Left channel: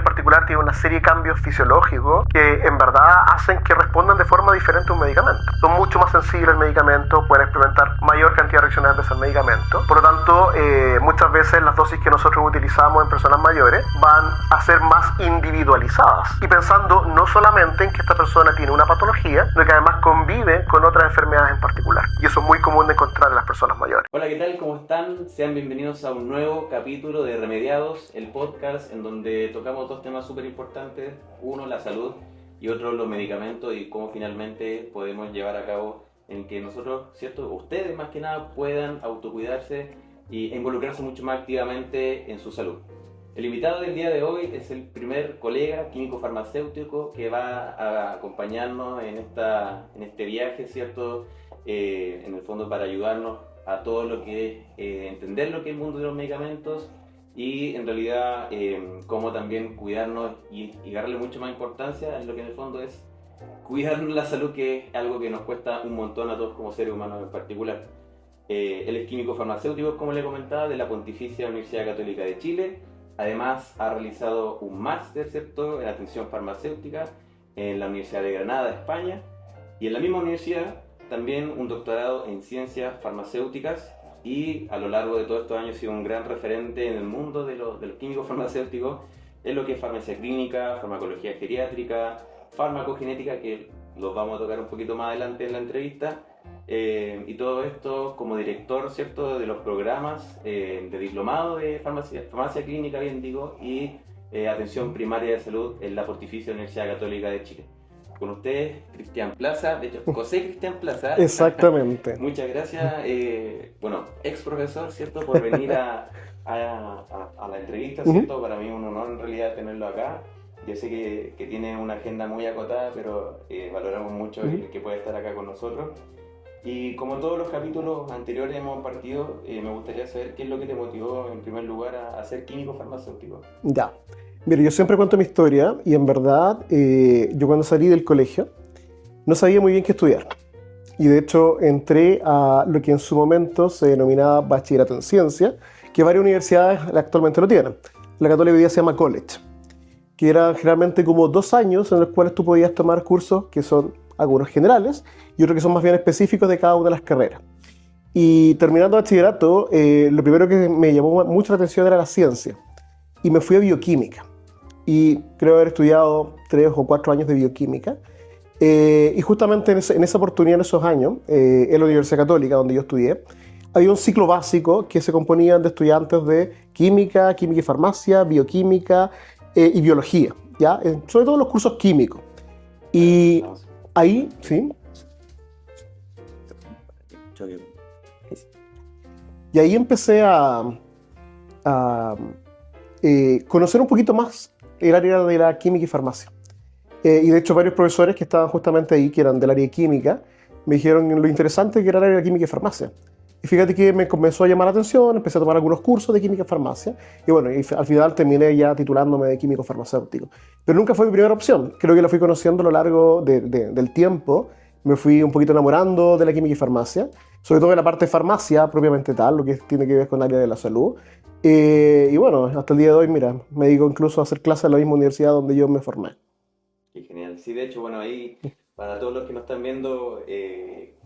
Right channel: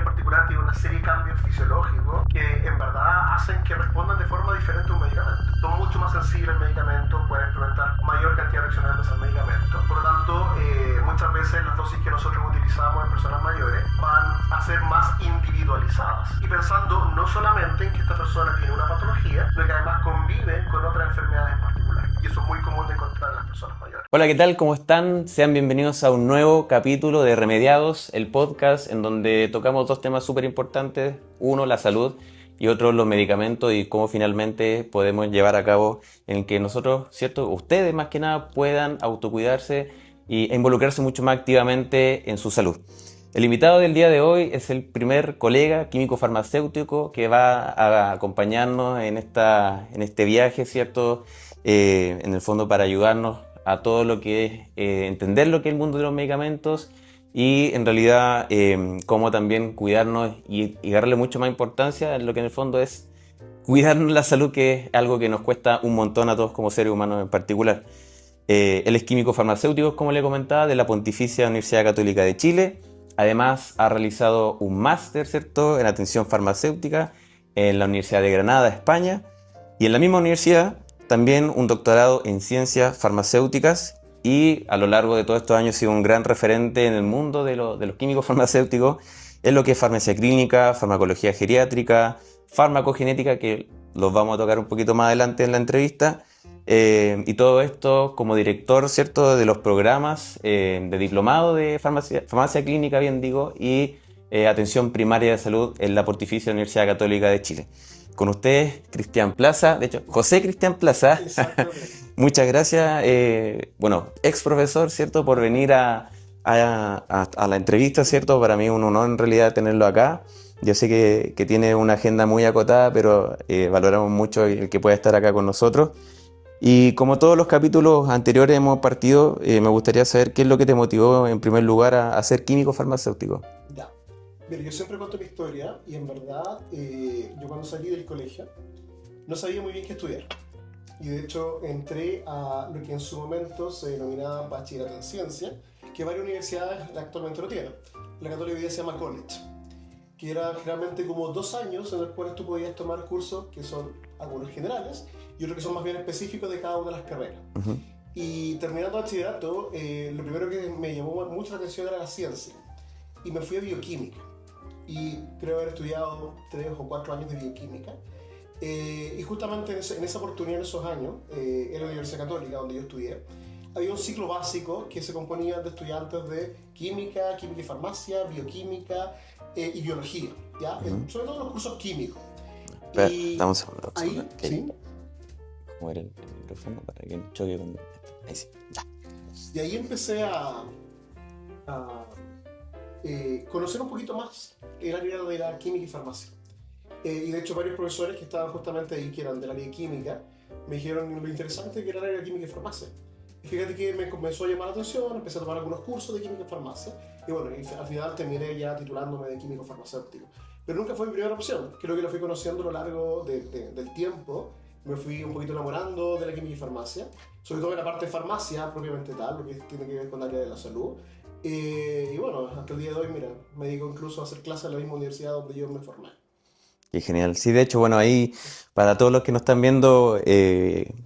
en particular tiene una serie de cambios fisiológicos que en verdad hacen que respondan de forma diferente a un medicamento. Son mucho más sensibles al medicamento, pueden experimentar mayor cantidad de reacciones adversas al medicamento. Por lo tanto, muchas veces las dosis que nosotros utilizamos en personas mayores van a ser más individualizadas y pensando no solamente en que esta persona tiene una patología, sino que además convive con otras enfermedades en particular. Y eso es muy común de encontrar en las personas mayores. Hola, ¿qué tal? ¿Cómo están? Sean bienvenidos a un nuevo capítulo de Remediados, el podcast en donde tocamos dos temas súper importantes. Uno, la salud, y otro, los medicamentos y cómo finalmente podemos llevar a cabo en que nosotros, ¿cierto? Ustedes más que nada puedan autocuidarse e involucrarse mucho más activamente en su salud. El invitado del día de hoy es el primer colega químico farmacéutico que va a acompañarnos en este viaje, ¿cierto? En el fondo para ayudarnos a todo lo que es entender lo que es el mundo de los medicamentos y en realidad cómo también cuidarnos y darle mucho más importancia en lo que en el fondo es cuidarnos la salud, que es algo que nos cuesta un montón a todos como seres humanos en particular. Él es químico farmacéutico, como le comentaba, de la Pontificia Universidad Católica de Chile. Además ha realizado un máster, ¿cierto?, en atención farmacéutica en la Universidad de Granada, España, y en la misma universidad también un doctorado en ciencias farmacéuticas, y a lo largo de todos estos años ha sido un gran referente en el mundo de los químicos farmacéuticos en lo que es farmacia clínica, farmacología geriátrica, farmacogenética, que los vamos a tocar un poquito más adelante en la entrevista, y todo esto como director, ¿cierto?, de los programas de diplomado de farmacia clínica, bien digo, y atención primaria de salud en la Pontificia Universidad Católica de Chile. Con ustedes, Cristian Plaza, de hecho, José Cristian Plaza. Exactamente. Muchas gracias, ex profesor, ¿cierto?, por venir a la entrevista, ¿cierto? Para mí es un honor en realidad tenerlo acá. Yo sé que tiene una agenda muy acotada, pero valoramos mucho el que pueda estar acá con nosotros. Y como todos los capítulos anteriores hemos partido, me gustaría saber qué es lo que te motivó en primer lugar a ser químico farmacéutico. Ya. Mira, yo siempre cuento mi historia y en verdad yo cuando salí del colegio no sabía muy bien qué estudiar. Y de hecho entré a lo que en su momento se denominaba bachillerato en ciencia, que varias universidades actualmente lo tienen. La Católica hoy día se llama college, que era generalmente como 2 años en los cuales tú podías tomar cursos que son algunos generales y otros que son más bien específicos de cada una de las carreras. Uh-huh. Y terminando bachillerato, lo primero que me llamó mucho la atención era la ciencia. Y me fui a bioquímica. Y creo haber estudiado 3 o 4 años de bioquímica. Y justamente en esa oportunidad, en esos años, en la Universidad Católica, donde yo estudié, había un ciclo básico que se componía de estudiantes de química, química y farmacia, bioquímica y biología, ¿ya? Sobre todo los cursos químicos. Y ahí, ¿sí? Mover el micrófono para que choque con... Ahí sí. Y ahí empecé a conocer un poquito más el área de la química y farmacia. Y de hecho varios profesores que estaban justamente ahí, que eran del área de química, me dijeron lo interesante que era el área de química y farmacia. Y fíjate que me comenzó a llamar la atención, empecé a tomar algunos cursos de química y farmacia, y bueno, y al final terminé ya titulándome de químico farmacéutico. Pero nunca fue mi primera opción, creo que la fui conociendo a lo largo del tiempo, me fui un poquito enamorando de la química y farmacia, sobre todo de la parte de farmacia propiamente tal, lo que tiene que ver con el área de la salud. Y bueno, hasta el día de hoy, mira, me dedico incluso a hacer clases en la misma universidad donde yo me formé. Qué genial. Sí, de hecho, bueno, ahí, para todos los que nos están viendo,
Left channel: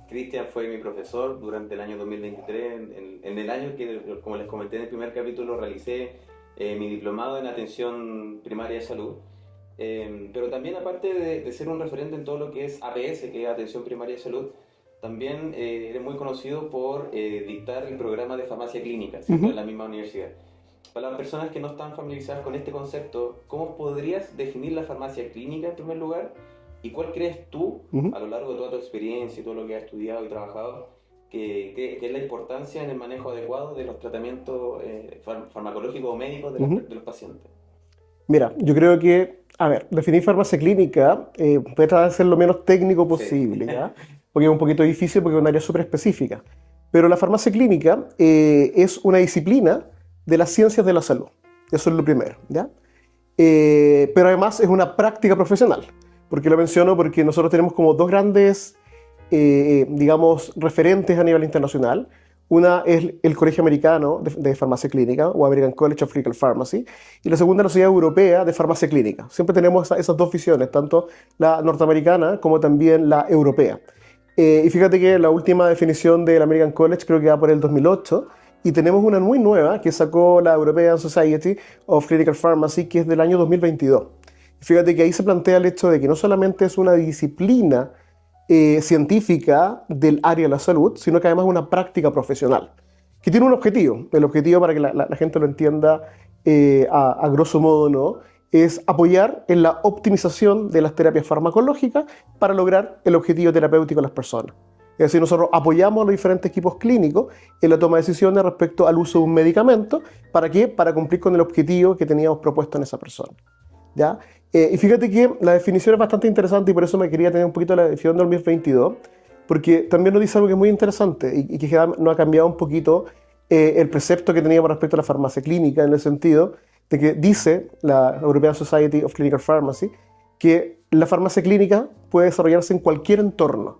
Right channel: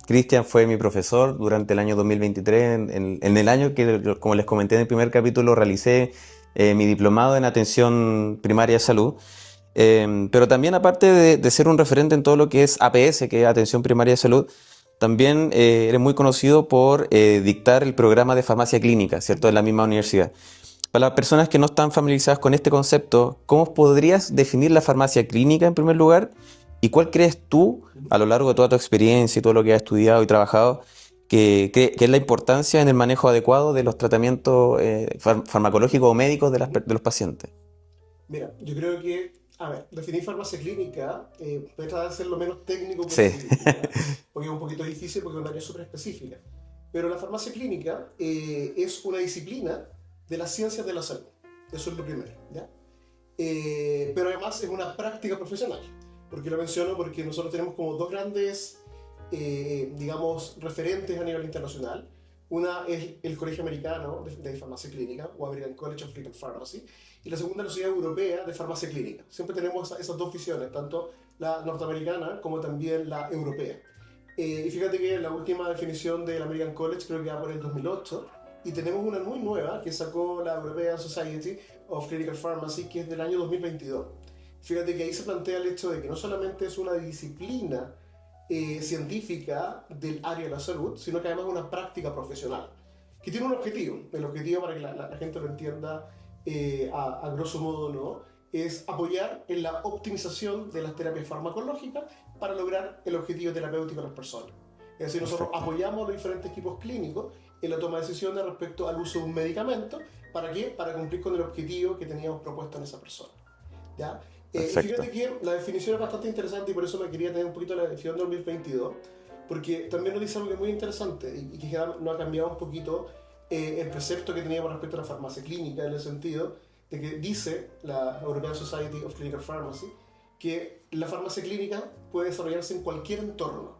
Cristian fue mi profesor durante el año 2023, en el año que, como les comenté en el primer capítulo, realicé mi diplomado en atención primaria de salud. Pero también, aparte de ser un referente en todo lo que es APS, que es atención primaria de salud, también eres muy conocido por dictar el programa de farmacia clínica, ¿cierto?, en la misma universidad. Para las personas que no están familiarizadas con este concepto, ¿cómo podrías definir la farmacia clínica en primer lugar? ¿Y cuál crees tú, a lo largo de toda tu experiencia y todo lo que has estudiado y trabajado, que es la importancia en el manejo adecuado de los tratamientos farmacológicos o médicos de los pacientes? Mira, yo creo que, a ver, definir farmacia clínica puede tratar de ser lo menos técnico posible, sí. ¿Ya? Porque es un poquito difícil porque es un área súper específica. Pero la farmacia clínica es una disciplina de las ciencias de la salud. Eso es lo primero, ¿ya? Pero además es una práctica profesional. ¿Por qué lo menciono? Porque nosotros tenemos como 2 grandes, digamos, referentes a nivel internacional. Una es el Colegio Americano de Farmacia Clínica, o American College of Clinical Pharmacy, y la segunda es la Sociedad Europea de Farmacia Clínica. Siempre tenemos esas dos visiones, tanto la norteamericana como también la europea. Y fíjate que la última definición del American College creo que va por el 2008, y tenemos una muy nueva que sacó la European Society of Clinical Pharmacy, que es del año 2022. Fíjate que ahí se plantea el hecho de que no solamente es una disciplina científica del área de la salud, sino que además es una práctica profesional, que tiene un objetivo. El objetivo, para que la gente lo entienda a grosso modo, ¿no?, es apoyar en la optimización de las terapias farmacológicas para lograr el objetivo terapéutico de las personas. Es decir, nosotros apoyamos a los diferentes equipos clínicos en la toma de decisiones respecto al uso de un medicamento. ¿Para qué? Para cumplir con el objetivo que teníamos propuesto en esa persona, ¿ya? Y fíjate que la definición es bastante interesante, y por eso me quería tener un poquito de la definición del 2022, porque también nos dice algo que es muy interesante y que nos ha cambiado un poquito el precepto que teníamos respecto a la farmacia clínica, en el sentido de que dice la European Society of Clinical Pharmacy que la farmacia clínica puede desarrollarse en cualquier entorno.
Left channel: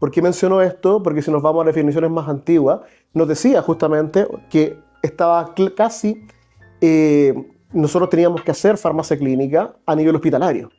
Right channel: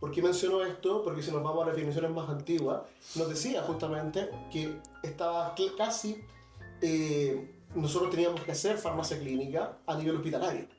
¿Por qué menciono esto? Porque si nos vamos a definiciones más antiguas, nos decía justamente que estaba casi... nosotros teníamos que hacer farmacia clínica a nivel hospitalario,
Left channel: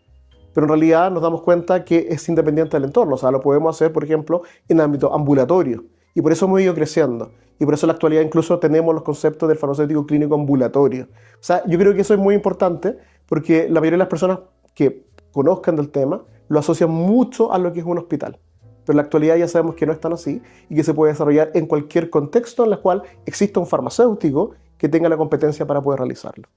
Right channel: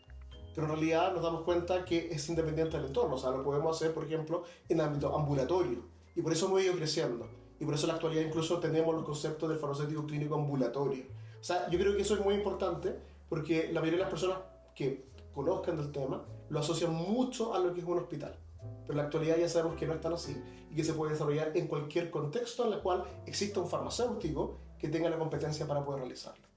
pero en realidad nos damos cuenta que es independiente del entorno. O sea, lo podemos hacer, por ejemplo, en ámbito ambulatorio, y por eso hemos ido creciendo, y por eso en la actualidad incluso tenemos los conceptos del farmacéutico clínico ambulatorio. O sea, yo creo que eso es muy importante, porque la mayoría de las personas que conozcan del tema lo asocian mucho a lo que es un hospital, pero en la actualidad ya sabemos que no es tan así, y que se puede desarrollar en cualquier contexto en el cual exista un farmacéutico que tenga la competencia para poder realizarlo.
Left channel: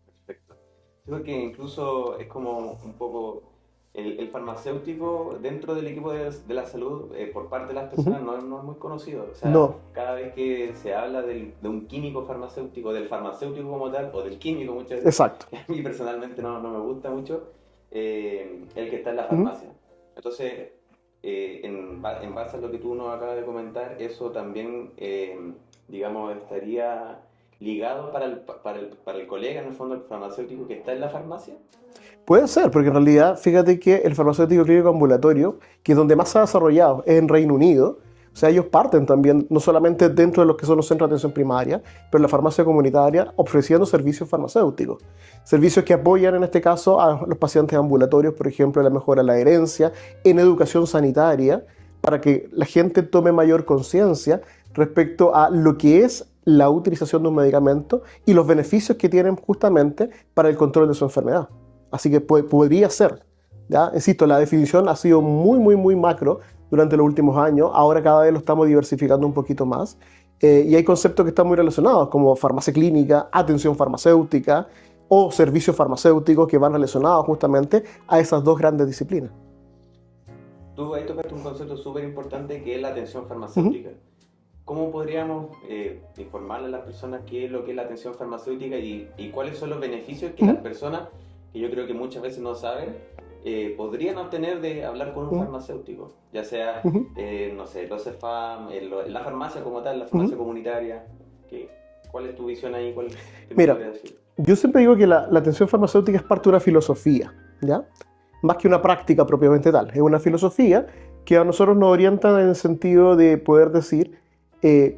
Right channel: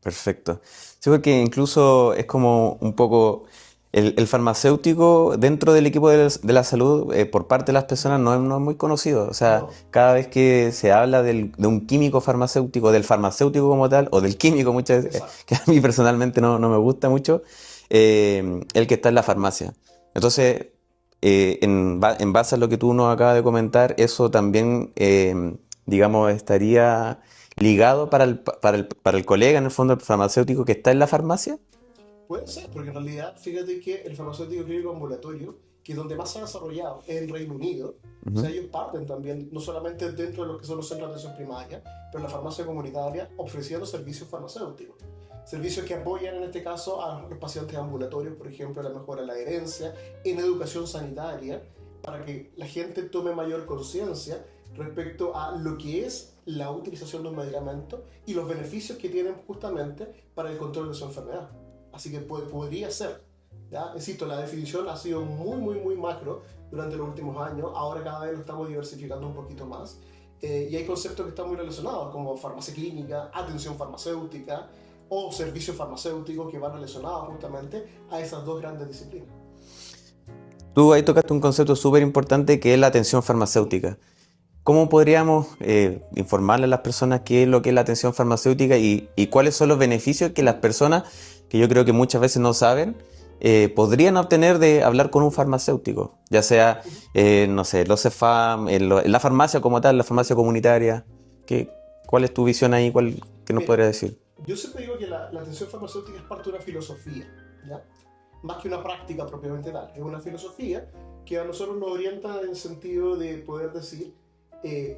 Perfecto. Sí, porque incluso es como un poco el farmacéutico dentro del equipo de la salud, por parte de las personas, no es muy conocido. O sea, No, cada vez que se habla de un químico farmacéutico, del farmacéutico como tal, o del químico muchas veces, exacto. que a mí personalmente no me gusta mucho, el que está en la farmacia. Entonces, en base a lo que tú nos acabas de comentar, eso también, digamos, estaría ligado para el colega, en el fondo, el farmacéutico que está en la farmacia. Puede ser, porque en realidad, fíjate que el farmacéutico clínico ambulatorio, que es donde más se ha desarrollado, es en Reino Unido. O sea, ellos parten también, no solamente dentro de los que son los centros de atención primaria, pero en la farmacia comunitaria, ofreciendo servicios farmacéuticos. Servicios que apoyan, en este caso, a los pacientes ambulatorios, por ejemplo, en la mejora de la adherencia, en educación sanitaria, para que la gente tome mayor conciencia respecto a lo que es la utilización de un medicamento y los beneficios que tienen justamente para el control de su enfermedad. Así que podría ser, ¿ya? Insisto, la definición ha sido muy macro durante los últimos años. Ahora cada vez lo estamos diversificando un poquito más. Y hay conceptos que están muy relacionados, como farmacia clínica, atención farmacéutica o servicios farmacéuticos, que van relacionados justamente a esas dos grandes disciplinas. Tú ahí tocaste un concepto súper importante, que es la atención farmacéutica. ¿Cómo podríamos informarle a las personas qué es lo que es la atención farmacéutica y cuáles son los beneficios que las personas, que yo creo que muchas veces no saben, podrían obtener de hablar con un farmacéutico? Ya sea, no sé, los CEFAM, en la farmacia como tal, la farmacia comunitaria. ¿Cuál es tu visión ahí? ¿Qué nos podrías decir? Yo siempre digo que la atención farmacéutica es parte de una filosofía, ¿ya? Más que una práctica propiamente tal. Es una filosofía que a nosotros nos orienta en el sentido de poder decir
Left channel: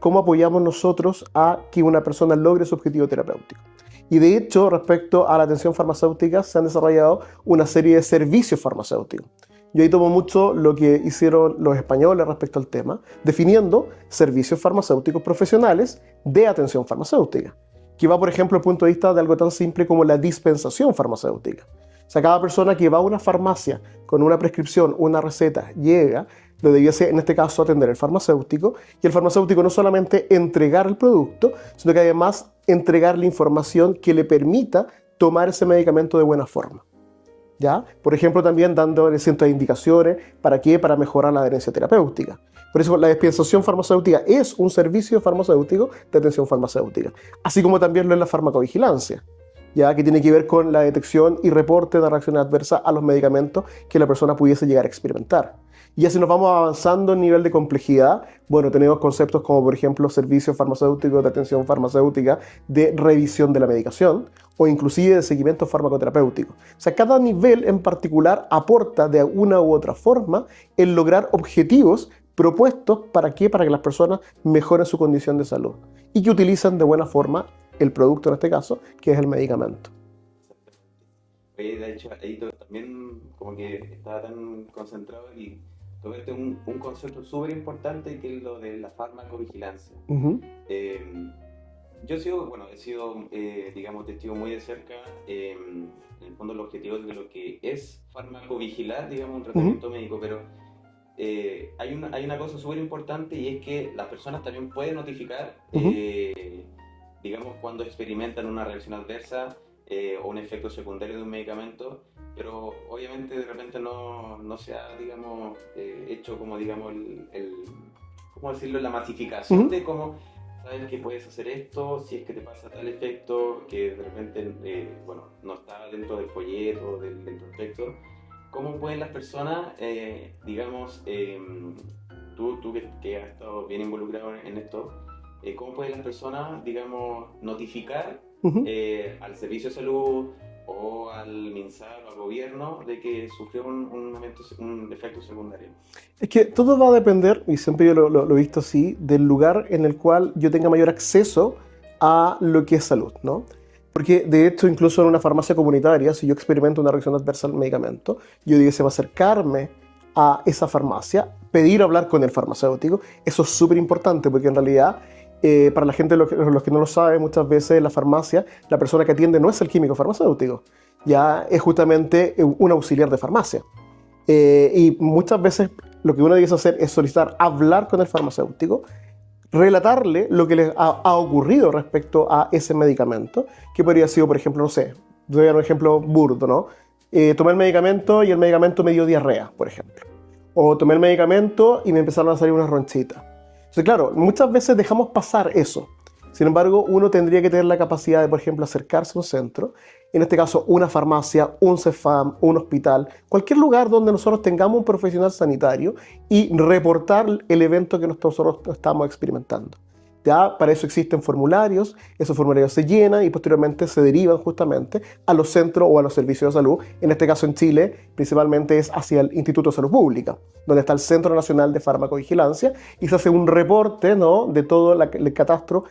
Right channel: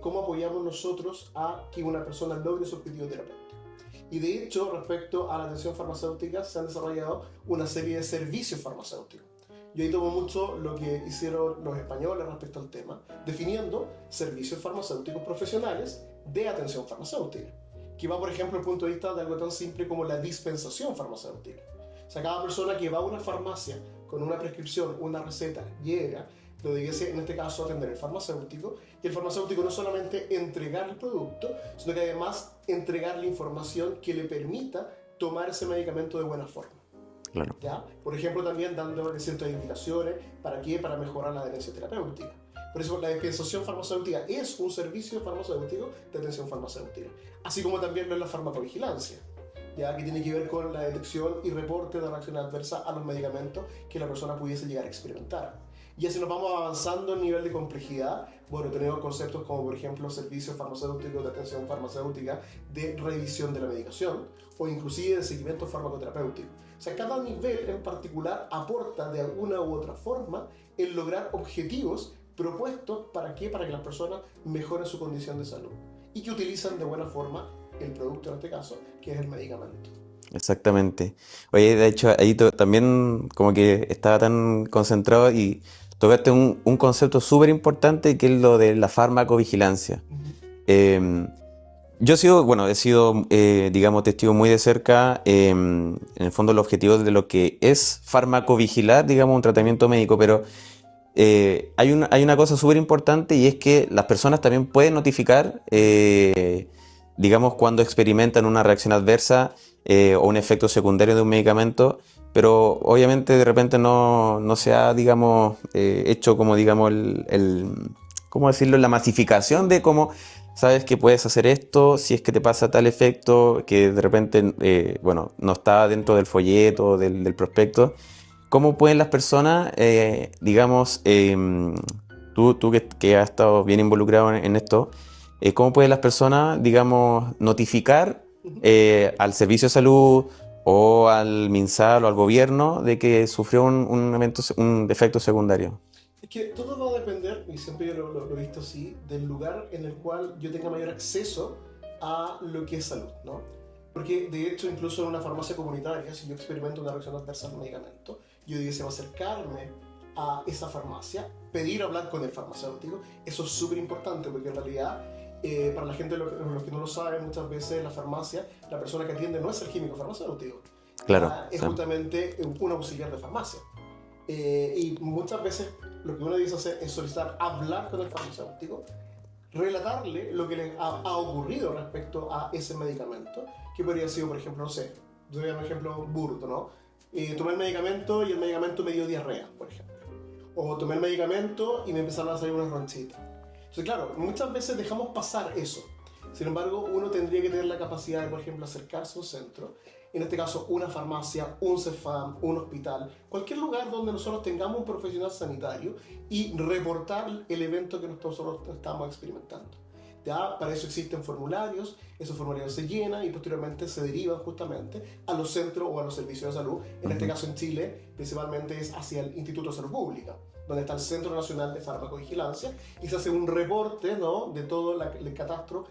cómo apoyamos nosotros a que una persona logre su objetivo terapéutico. Y de hecho, respecto a la atención farmacéutica, se han desarrollado una serie de servicios farmacéuticos. Yo ahí tomo mucho lo que hicieron los españoles respecto al tema, definiendo servicios farmacéuticos profesionales de atención farmacéutica, que va, por ejemplo, al punto de vista de algo tan simple como la dispensación farmacéutica. O sea, cada persona que va a una farmacia con una prescripción, una receta, llega, lo debía ser, en este caso, atender el farmacéutico, y el farmacéutico no solamente entregar el producto, sino que además entregar la información que le permita tomar ese medicamento de buena forma. Claro. ¿Ya? Por ejemplo, también dando cientos de indicaciones. ¿Para qué? Para mejorar la adherencia terapéutica. Por eso la dispensación farmacéutica es un servicio farmacéutico de atención farmacéutica, así como también lo es la farmacovigilancia, ya que tiene que ver con la detección y reporte de reacciones adversas a los medicamentos que la persona pudiese llegar a experimentar. Y así nos vamos avanzando en nivel de complejidad. Bueno, tenemos conceptos como, por ejemplo, servicios farmacéuticos de atención farmacéutica, de revisión de la medicación, o inclusive de seguimiento farmacoterapéutico. O sea, cada nivel en particular aporta de una u otra forma en lograr objetivos propuestos, ¿para qué? Para que las personas mejoren su condición de salud y que utilicen de buena forma el producto, en este caso, que es el medicamento. Exactamente. Oye, de hecho, ahí también como que estaba tan concentrado y tocaste un concepto súper importante que es lo de la farmacovigilancia. Ujú. Yo he sido, digamos, testigo muy de cerca, en el fondo, el objetivo de lo que es farmacovigilar, digamos, un Ujú. tratamiento médico, pero hay una cosa súper importante y es que las personas también pueden notificar, Ujú. digamos, cuando experimentan una reacción adversa o un efecto secundario de un medicamento, pero obviamente de repente no se ha, digamos, hecho como, digamos, ¿cómo decirlo? La masificación Ujú. de cómo sabes que puedes hacer esto si es que te pasa tal efecto que de repente, no está dentro del folleto, del prospecto. ¿Cómo pueden las personas, digamos, tú que has estado bien involucrado en esto, cómo pueden las personas, digamos, notificar Ujú. al servicio de salud o al MinSal o al gobierno de que sufrió un efecto secundario? Es que todo va a depender, y siempre yo lo he visto así, del lugar en el cual yo tenga mayor acceso a lo que es salud, ¿no? Porque de hecho, incluso en una farmacia comunitaria, si yo experimento una reacción adversa al medicamento, yo digo, va a acercarme a esa farmacia, pedir hablar con el farmacéutico. Eso es súper importante porque en realidad, para la gente, los que no lo saben, muchas veces en la farmacia, la persona que atiende no es el químico farmacéutico, Claro, ya es claro. justamente un auxiliar de farmacia. Y muchas veces lo que uno debe hacer es solicitar hablar con el farmacéutico, relatarle lo que les ha ocurrido respecto a ese medicamento, que podría ser, por ejemplo, no sé, doy un ejemplo burdo, ¿no? Tomé el medicamento y el medicamento me dio diarrea, por ejemplo. O tomé el medicamento y me empezaron a salir unas ronchitas. Entonces, claro, muchas veces dejamos pasar eso. Sin embargo, uno tendría que tener la capacidad de, por ejemplo, acercarse a un centro, en este caso una farmacia, un CEFAM, un hospital, cualquier lugar donde nosotros tengamos un profesional sanitario y reportar el evento que nosotros estamos experimentando. Ya para eso existen formularios, esos formularios se llenan y posteriormente se derivan justamente a los centros o a los servicios de salud. En este caso en Chile, principalmente es hacia el Instituto de Salud Pública, donde está el Centro Nacional de Farmacovigilancia y se hace un reporte, ¿no?, de todo el catastro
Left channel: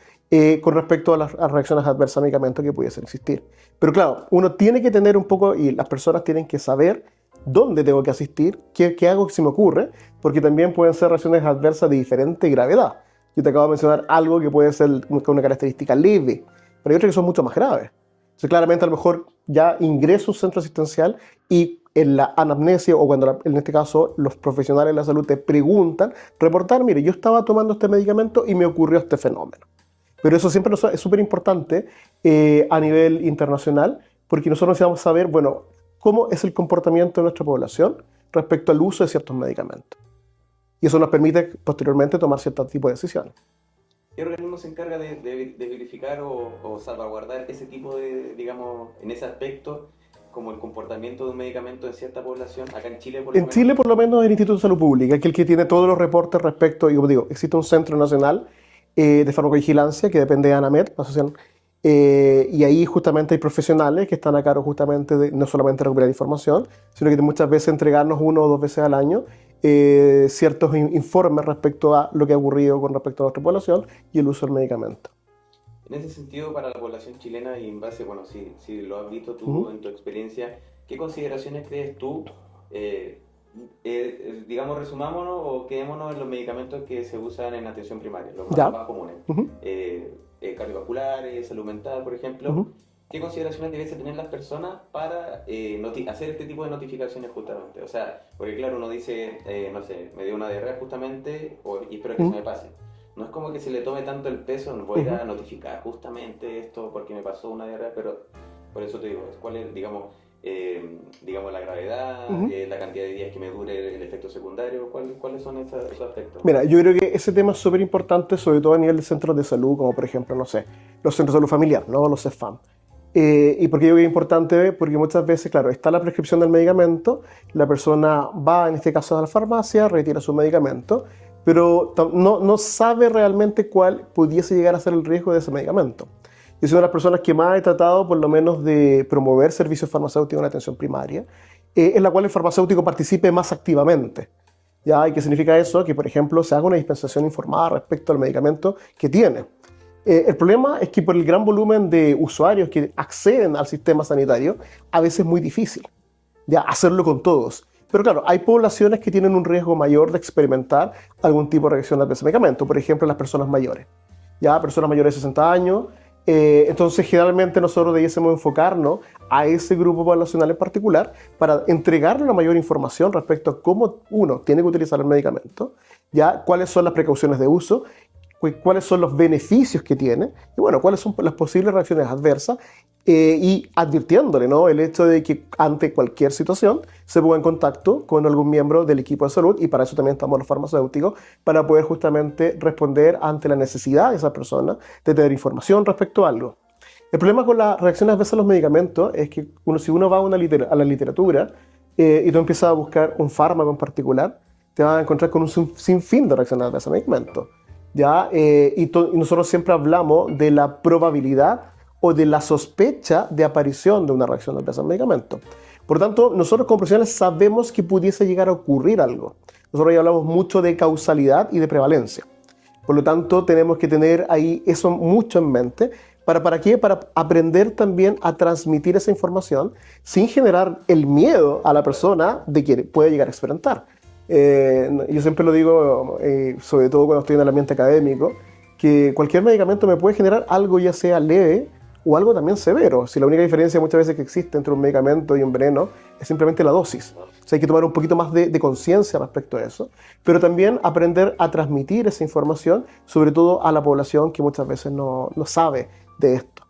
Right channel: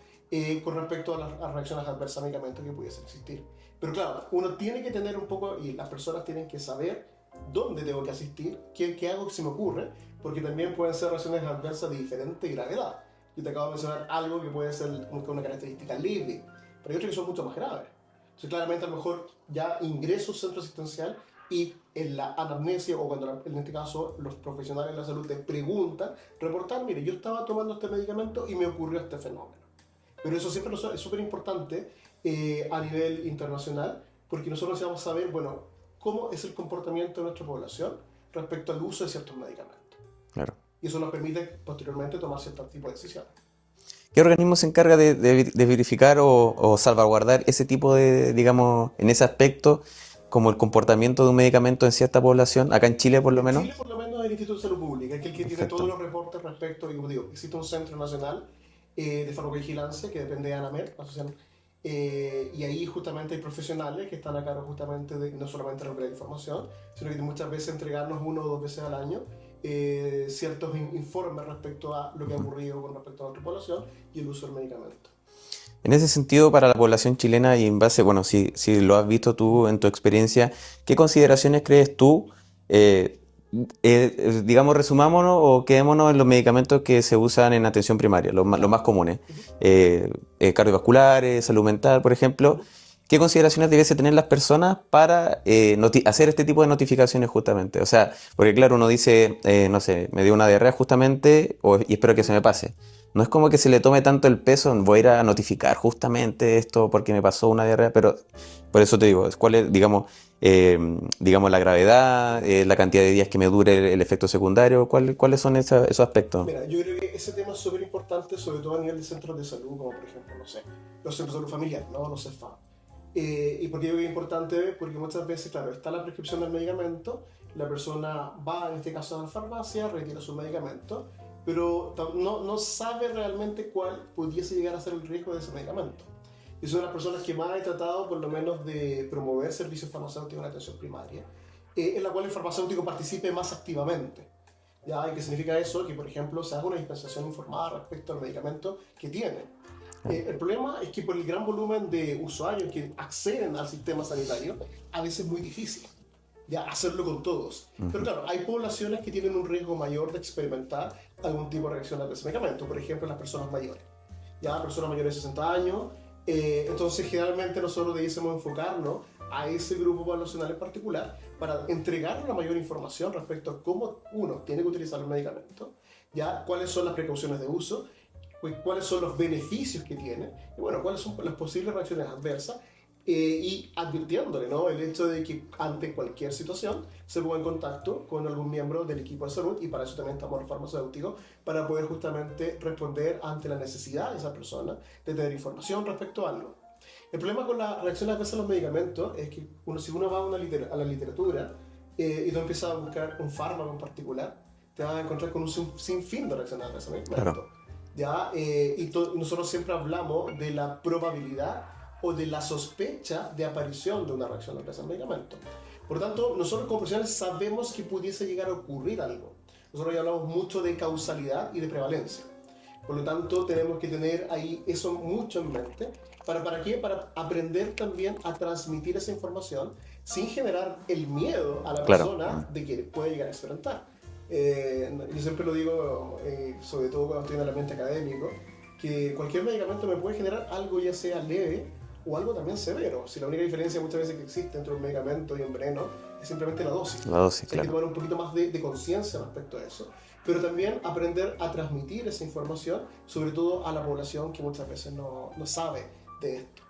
con respecto a las reacciones adversas a medicamentos que pudiesen existir. Pero claro, uno tiene que tener un poco, y las personas tienen que saber dónde tengo que asistir, qué hago si me ocurre, porque también pueden ser reacciones adversas de diferente gravedad. Yo te acabo de mencionar algo que puede ser con una característica leve, pero hay otras que son mucho más graves. Entonces, claramente, a lo mejor ya ingreso a un centro asistencial y en la anamnesia, o cuando en este caso los profesionales de la salud te preguntan, reportar, mire, yo estaba tomando este medicamento y me ocurrió este fenómeno. Pero eso siempre es súper importante a nivel internacional, porque nosotros necesitamos saber, bueno, cómo es el comportamiento de nuestra población respecto al uso de ciertos medicamentos. Claro. Y eso nos permite posteriormente tomar cierto tipo de decisiones. ¿Qué organismo se encarga de verificar o salvaguardar ese tipo de, digamos, en ese aspecto, como el comportamiento de un medicamento en cierta población, acá en Chile por lo En menos? Chile, por lo menos, el Instituto de Salud Pública, que es el que tiene todos Perfecto. los reportes respecto, y como digo, existe un Centro Nacional de Farmacovigilancia que depende de ANAMED, la asociación, y ahí justamente hay profesionales que están a cargo justamente de no solamente recuperar información, sino que muchas veces entregarnos 1 o 2 veces al año ciertos informes respecto a lo que ha ocurrido con respecto a nuestra población y el uso del medicamento. En ese sentido, para la población chilena y en base, bueno, si lo has visto tú Ujú. en tu experiencia, ¿qué consideraciones crees tú, eh, digamos, resumámonos o quedémonos en los medicamentos que se usan en atención primaria, los Ya. más comunes, Ujú. cardiovasculares, salud mental, por ejemplo? Ujú. ¿Qué consideraciones debiese tener las personas para hacer este tipo de notificaciones justamente? O sea, porque claro, uno dice, no sé, me dio una diarrea justamente y espero que se me Ujú. pase. No es como que se le tome tanto el peso, voy a ir Ujú. a notificar justamente esto porque me pasó una diarrea, pero por eso te digo, ¿cuál es, digamos, la gravedad, Ujú. la cantidad de días que me dure el efecto secundario? ¿Cuáles son esos aspectos? Mira, yo creo que ese tema es súper importante, sobre todo a nivel de centros de salud, como por ejemplo, no sé, los centros de salud familiar, ¿no? Los CEFAM. ¿Y por qué yo creo que es importante? Porque muchas veces, claro, está la prescripción del medicamento, la persona va, en este caso, a la farmacia, retira su medicamento, pero no sabe realmente cuál pudiese llegar a ser el riesgo de ese medicamento. Yo soy una de las personas que más he tratado, por lo menos, de promover servicios farmacéuticos en atención primaria, en la cual el farmacéutico participe más activamente. ¿Ya? ¿Y qué significa eso? Que, por ejemplo, se haga una dispensación informada respecto al medicamento que tiene. El problema es que por el gran volumen de usuarios que acceden al sistema sanitario, a veces es muy difícil ya hacerlo con todos. Pero claro, hay poblaciones que tienen un riesgo mayor de experimentar algún tipo de reacción a ese medicamento. Por ejemplo, las personas mayores. Ya, personas mayores de 60 años. Entonces, generalmente nosotros debiésemos enfocarnos a ese grupo poblacional en particular para entregarle una mayor información respecto a cómo uno tiene que utilizar el medicamento, ya, cuáles son las precauciones de uso, cuáles son los beneficios que tiene y bueno, cuáles son las posibles reacciones adversas y advirtiéndole, ¿no? El hecho de que ante cualquier situación se ponga en contacto con algún miembro del equipo de salud y para eso también estamos los farmacéuticos para poder justamente responder ante la necesidad de esa persona de tener información respecto a algo. El problema con las reacciones adversas a los medicamentos es que si uno va a la literatura y tú empiezas a buscar un fármaco en particular, te vas a encontrar con un sinfín de reacciones adversas a medicamentos. Claro. ¿Ya? Y nosotros siempre hablamos de la probabilidad o de la sospecha de aparición de una reacción adversa al medicamento. Por tanto, nosotros como profesionales sabemos que pudiese llegar a ocurrir algo. Nosotros ya hablamos mucho de causalidad y de prevalencia. Por lo tanto, tenemos que tener ahí eso mucho en mente. ¿Para qué? Para aprender también a transmitir esa información sin generar el miedo a la persona de que puede llegar a experimentar. Yo siempre lo digo, sobre todo cuando estoy en el ambiente académico, que cualquier medicamento me puede generar algo ya sea leve o algo también severo. Si la única diferencia muchas veces que existe entre un medicamento y un veneno es simplemente la dosis. O sea, hay que tomar un poquito más de conciencia respecto a eso, pero también aprender a transmitir esa información, sobre todo a la población que muchas veces no sabe de esto.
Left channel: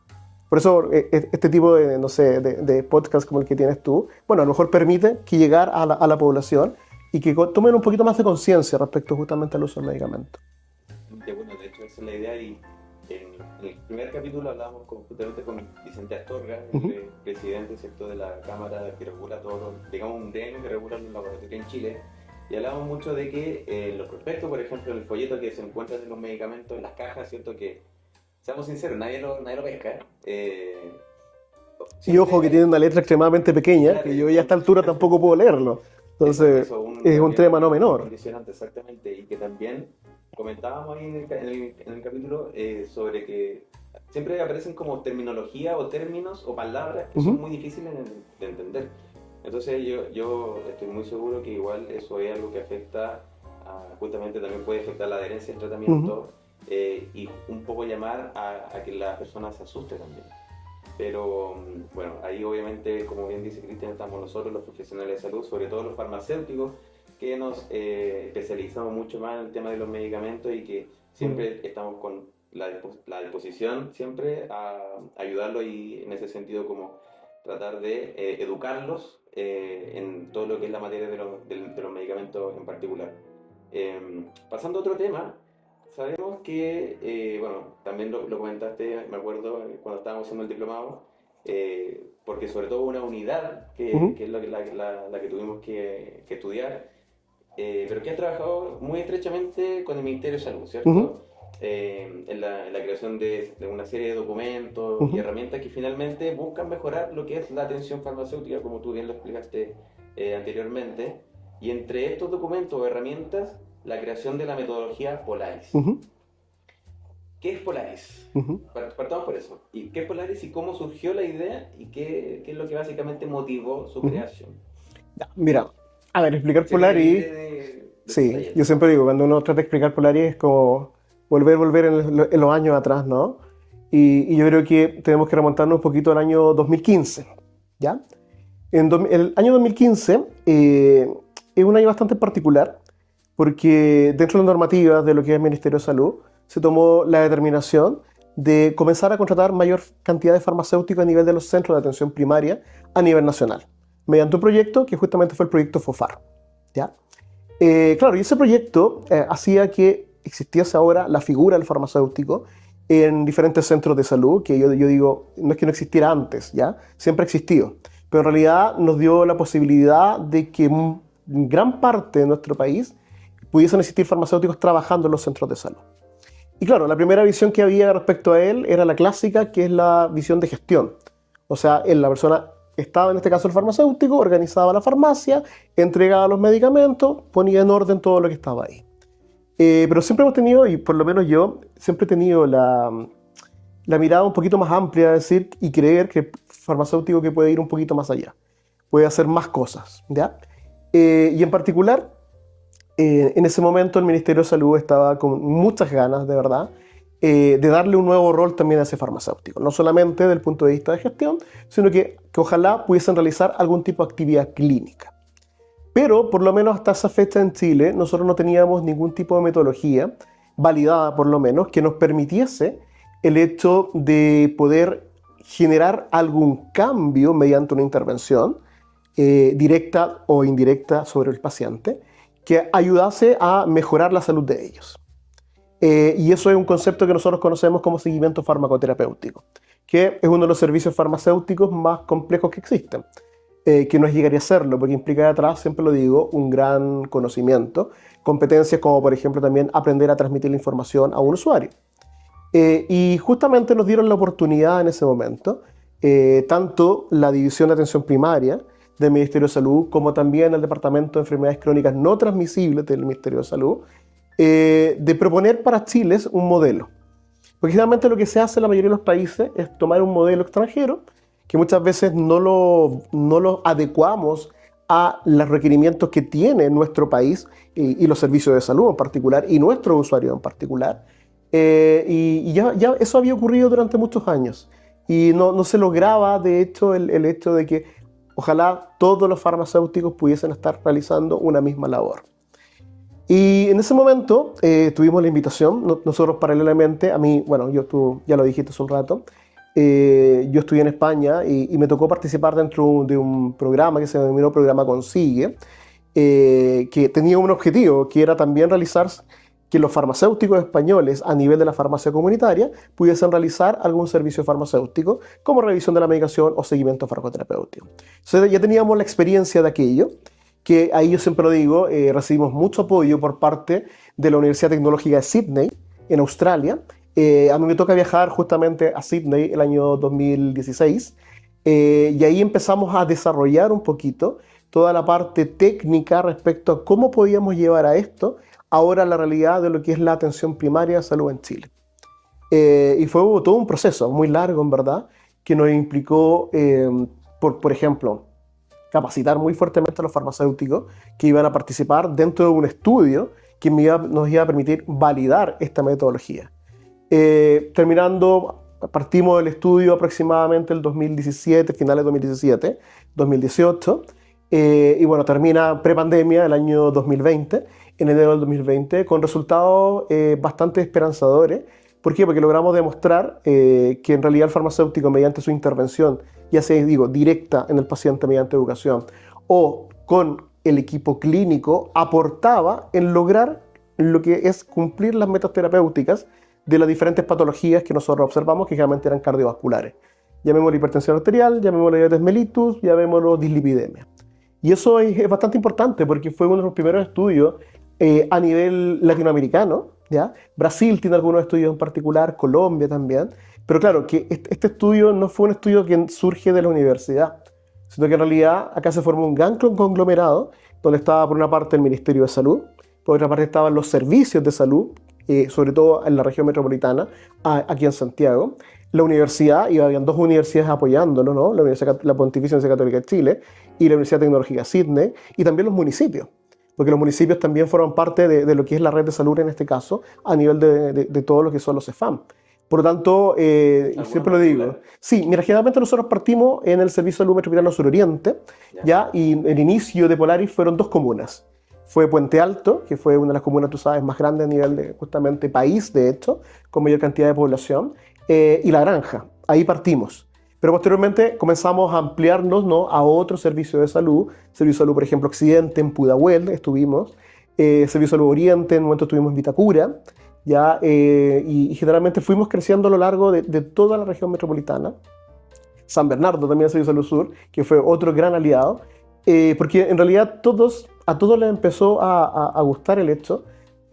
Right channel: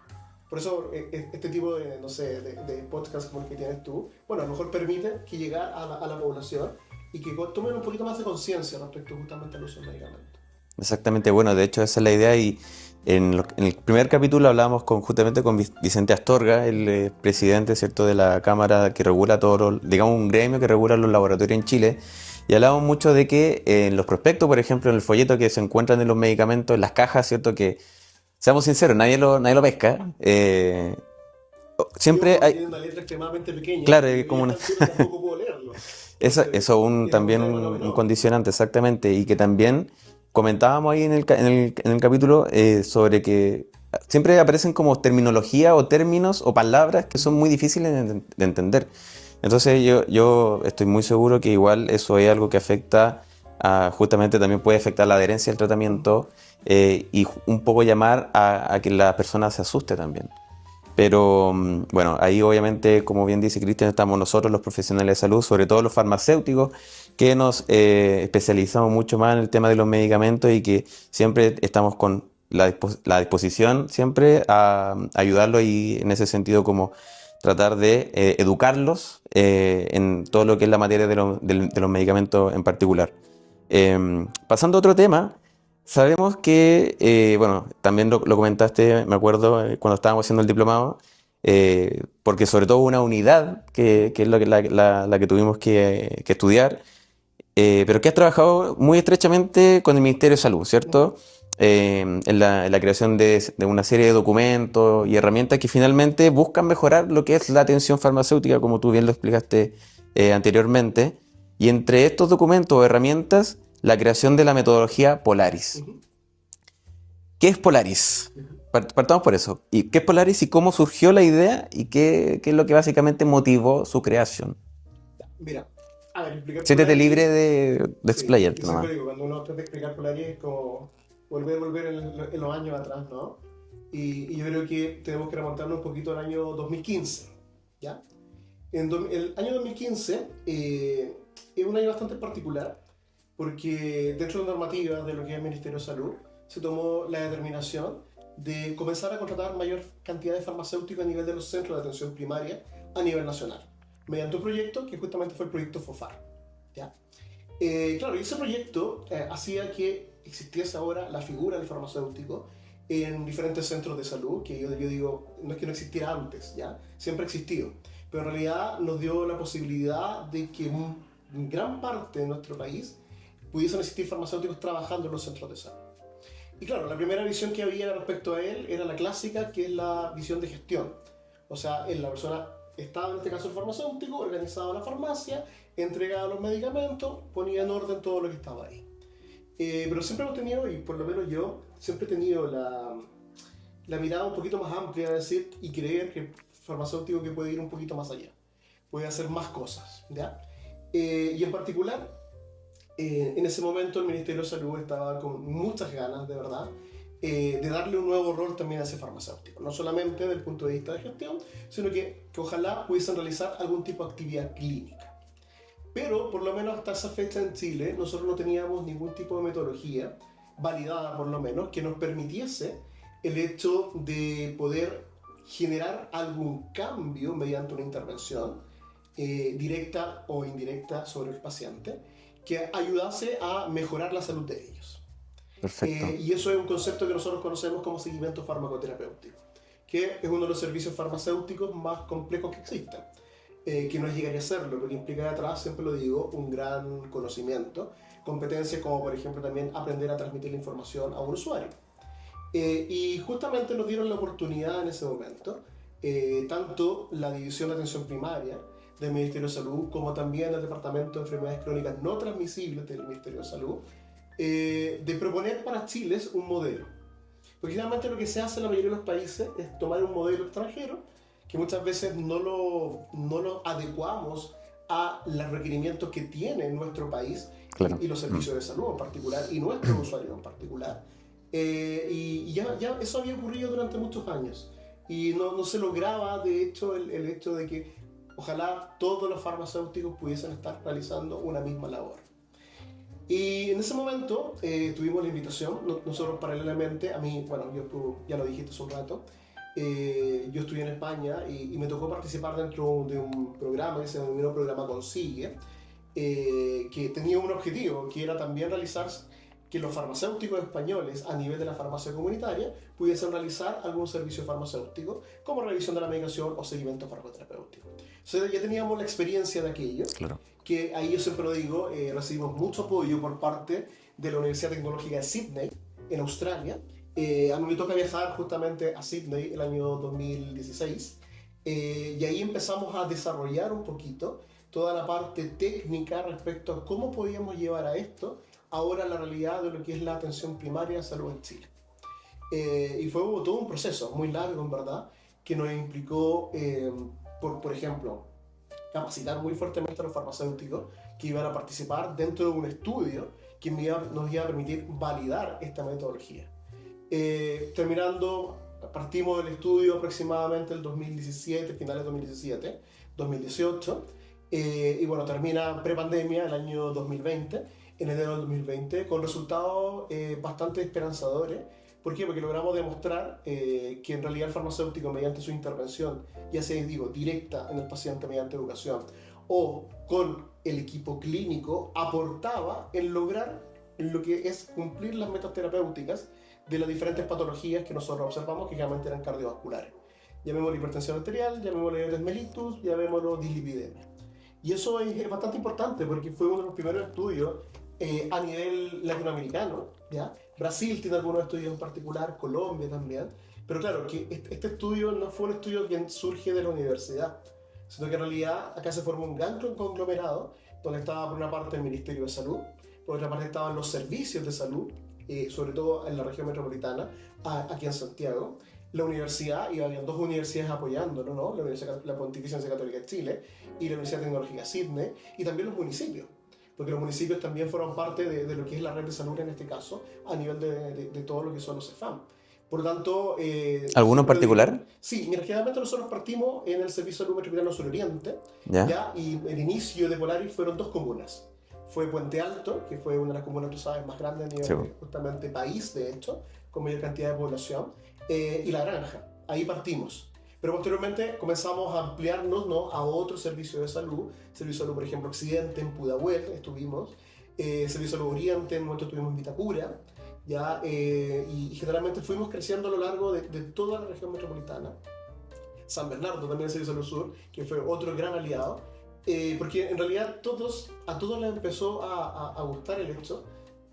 Por eso este tipo de, no sé, de podcast como el que tienes tú, bueno, a lo mejor permite que llegar a la población y que tomen un poquito más de conciencia respecto justamente al uso del medicamento. Exactamente, bueno, de hecho esa es la idea y en el primer capítulo hablábamos justamente con Vicente Astorga, el presidente, ¿cierto?, de la Cámara que regula todo, digamos un gremio que regula los laboratorios en Chile, y hablábamos mucho de que en los prospectos, por ejemplo, en el folleto que se encuentran en los medicamentos, en las cajas, ¿cierto?, que, seamos sinceros, nadie lo pesca. Siempre tiene una letra extremadamente pequeña, claro, y yo ya a esta altura tampoco puedo leerlo. Entonces, eso es también un tema no menor. Un condicionante, exactamente, y que también comentábamos ahí en el capítulo sobre que siempre aparecen como terminología o términos o palabras que son muy difíciles de entender. Entonces yo estoy muy seguro que igual eso es algo que afecta justamente también puede afectar la adherencia al tratamiento y un poco llamar a que la persona se asuste también. Pero bueno, ahí obviamente, como bien dice Cristian, estamos nosotros los profesionales de salud, sobre todo los farmacéuticos, que nos especializamos mucho más en el tema de los medicamentos y que siempre estamos con la disposición siempre a ayudarlos y en ese sentido como tratar de educarlos en todo lo que es la materia de los medicamentos en particular. Pasando a otro tema, sabemos que, bueno, también lo comentaste, me acuerdo, cuando estábamos haciendo el diplomado, porque sobre todo una unidad, que es la que tuvimos que estudiar, pero que has trabajado muy estrechamente con el Ministerio de Salud, ¿cierto? En la creación de una serie de documentos y herramientas que finalmente buscan mejorar lo que es la atención farmacéutica, como tú bien lo explicaste anteriormente. Y entre estos documentos o herramientas, la creación de la metodología Polaris. ¿Qué es Polaris? Partamos por eso. ¿Y qué es Polaris y cómo surgió la idea y qué es lo que básicamente motivó su creación? Mira, a ver, explicar Siéntete Polaris... libre de explayarte. Yo siempre digo, cuando uno trata de explicar Polaris es como volver en los años atrás, ¿no? Y yo creo que tenemos que remontarnos un poquito al año 2015, ¿ya? El año 2015 es un año bastante particular porque dentro de las normativas de lo que es el Ministerio de Salud se tomó la determinación de comenzar a contratar mayor cantidad de farmacéuticos a nivel de los centros de atención primaria a nivel nacional, mediante un proyecto que justamente fue el proyecto FOFAR, ¿ya? Claro, y ese proyecto hacía que existiese ahora la figura del farmacéutico en diferentes centros de salud, que yo digo, no es que no existiera antes, ¿ya? Siempre ha existido, pero en realidad nos dio la posibilidad de que gran parte de nuestro país pudiesen existir farmacéuticos trabajando en los centros de salud. Y claro, la primera visión que había respecto a él era la clásica, que es la visión de gestión. O sea, la persona estaba en este caso el farmacéutico, organizaba la farmacia, entregaba los medicamentos, ponía en orden todo lo que estaba ahí. Pero siempre hemos tenido, y por lo menos yo, siempre he tenido la mirada un poquito más amplia, decir, y creer que el farmacéutico que puede ir un poquito más allá, puede hacer más cosas, ¿ya? Y en particular, en ese momento el Ministerio de Salud estaba con muchas ganas, de verdad, de darle un nuevo rol también a ese farmacéutico, no solamente desde el punto de vista de gestión, sino que ojalá pudiesen realizar algún tipo de actividad clínica. Pero por lo menos hasta esa fecha en Chile nosotros no teníamos ningún tipo de metodología validada por lo menos que nos permitiese el hecho de poder generar algún cambio mediante una intervención directa o indirecta sobre el paciente que ayudase a mejorar la salud de ellos. Y eso es un concepto que nosotros conocemos como seguimiento farmacoterapéutico, que es uno de los servicios farmacéuticos más complejos que existen, que no es llegar a serlo, porque implica detrás, siempre lo digo, un gran conocimiento, competencias como por ejemplo también aprender a transmitir la información a un usuario. Y justamente nos dieron la oportunidad en ese momento, tanto la División de Atención Primaria del Ministerio de Salud, como también el Departamento de Enfermedades Crónicas No Transmisibles del Ministerio de Salud, de proponer para Chile un modelo. Porque generalmente lo que se hace en la mayoría de los países es tomar un modelo extranjero, que muchas veces no lo adecuamos a los requerimientos que tiene nuestro país y los servicios de salud en particular, y nuestros usuarios en particular. Y ya eso había ocurrido durante muchos años. Y no se lograba, de hecho, el hecho de que ojalá todos los farmacéuticos pudiesen estar realizando una misma labor. Y en ese momento tuvimos la invitación, nosotros paralelamente, a mí, bueno, tú ya lo dijiste hace un rato, yo estudié en España y me tocó participar dentro de un programa que se denominó Programa Consigue, que tenía un objetivo, que era también realizar que los farmacéuticos españoles a nivel de la farmacia comunitaria pudiesen realizar algún servicio farmacéutico como revisión de la medicación o seguimiento farmacoterapéutico. Entonces ya teníamos la experiencia de aquello, claro, que ahí yo siempre lo digo, recibimos mucho apoyo por parte de la Universidad Tecnológica de Sydney, en Australia. A mí me toca viajar justamente a Sydney el año 2016 y ahí empezamos a desarrollar un poquito toda la parte técnica respecto a cómo podíamos llevar a esto ahora la realidad de lo que es la atención primaria de salud en Chile. Y fue todo un proceso muy largo, en verdad, que nos implicó, por ejemplo, capacitar muy fuertemente a los farmacéuticos que iban a participar dentro de un estudio que nos iba a permitir validar esta metodología. Partimos del estudio aproximadamente el 2017, finales de 2017, 2018, y bueno, termina prepandemia el año 2020, en enero del 2020, con resultados bastante esperanzadores. ¿Por qué? Porque logramos demostrar que en realidad el farmacéutico, mediante su intervención, ya sea, directa en el paciente mediante educación, o con el equipo clínico, aportaba en lograr lo que es cumplir las metas terapéuticas de las diferentes patologías que nosotros observamos, que generalmente eran cardiovasculares. Llamémoslo hipertensión arterial, llamémoslo diabetes mellitus, llamémoslo dislipidemia. Y eso es bastante importante porque fue uno de los primeros estudios a nivel latinoamericano, ¿ya? Brasil tiene algunos estudios en particular, Colombia también, pero claro, que este estudio no fue un estudio que surge de la universidad, sino que en realidad acá se formó un gran conglomerado, donde estaba por una parte el Ministerio de Salud, por otra parte estaban los servicios de salud, sobre todo en la región metropolitana, aquí en Santiago, la universidad, y habían dos universidades apoyándolo, ¿no? La Pontificia Universidad Católica de Chile y la Universidad Tecnológica de Sydney, y también los municipios, porque los municipios también forman parte de lo que es la red de salud en este caso, a nivel de todo lo que son los CEFAM. Por lo tanto... ¿Alguno en particular? Sí, mira, generalmente nosotros partimos en el Servicio de Salud Metropolitano Suroriente, ¿ya? Y el inicio de Polaris fueron dos comunas. Fue Puente Alto, que fue una de las comunas, tú sabes, más grandes a nivel de justamente país, de hecho, con mayor cantidad de población, y La Granja. Ahí partimos. Pero posteriormente comenzamos a ampliarnos, ¿no?, a otros servicios de salud. Servicio de Salud, por ejemplo, Occidente, en Pudahuel estuvimos. Servicio de Salud Oriente, en un momento estuvimos en Vitacura. ¿Ya? Y generalmente fuimos creciendo a lo largo de toda la región metropolitana. San Bernardo también es Servicio de Salud Sur, que fue otro gran aliado. Porque en realidad a todos les empezó a gustar el hecho,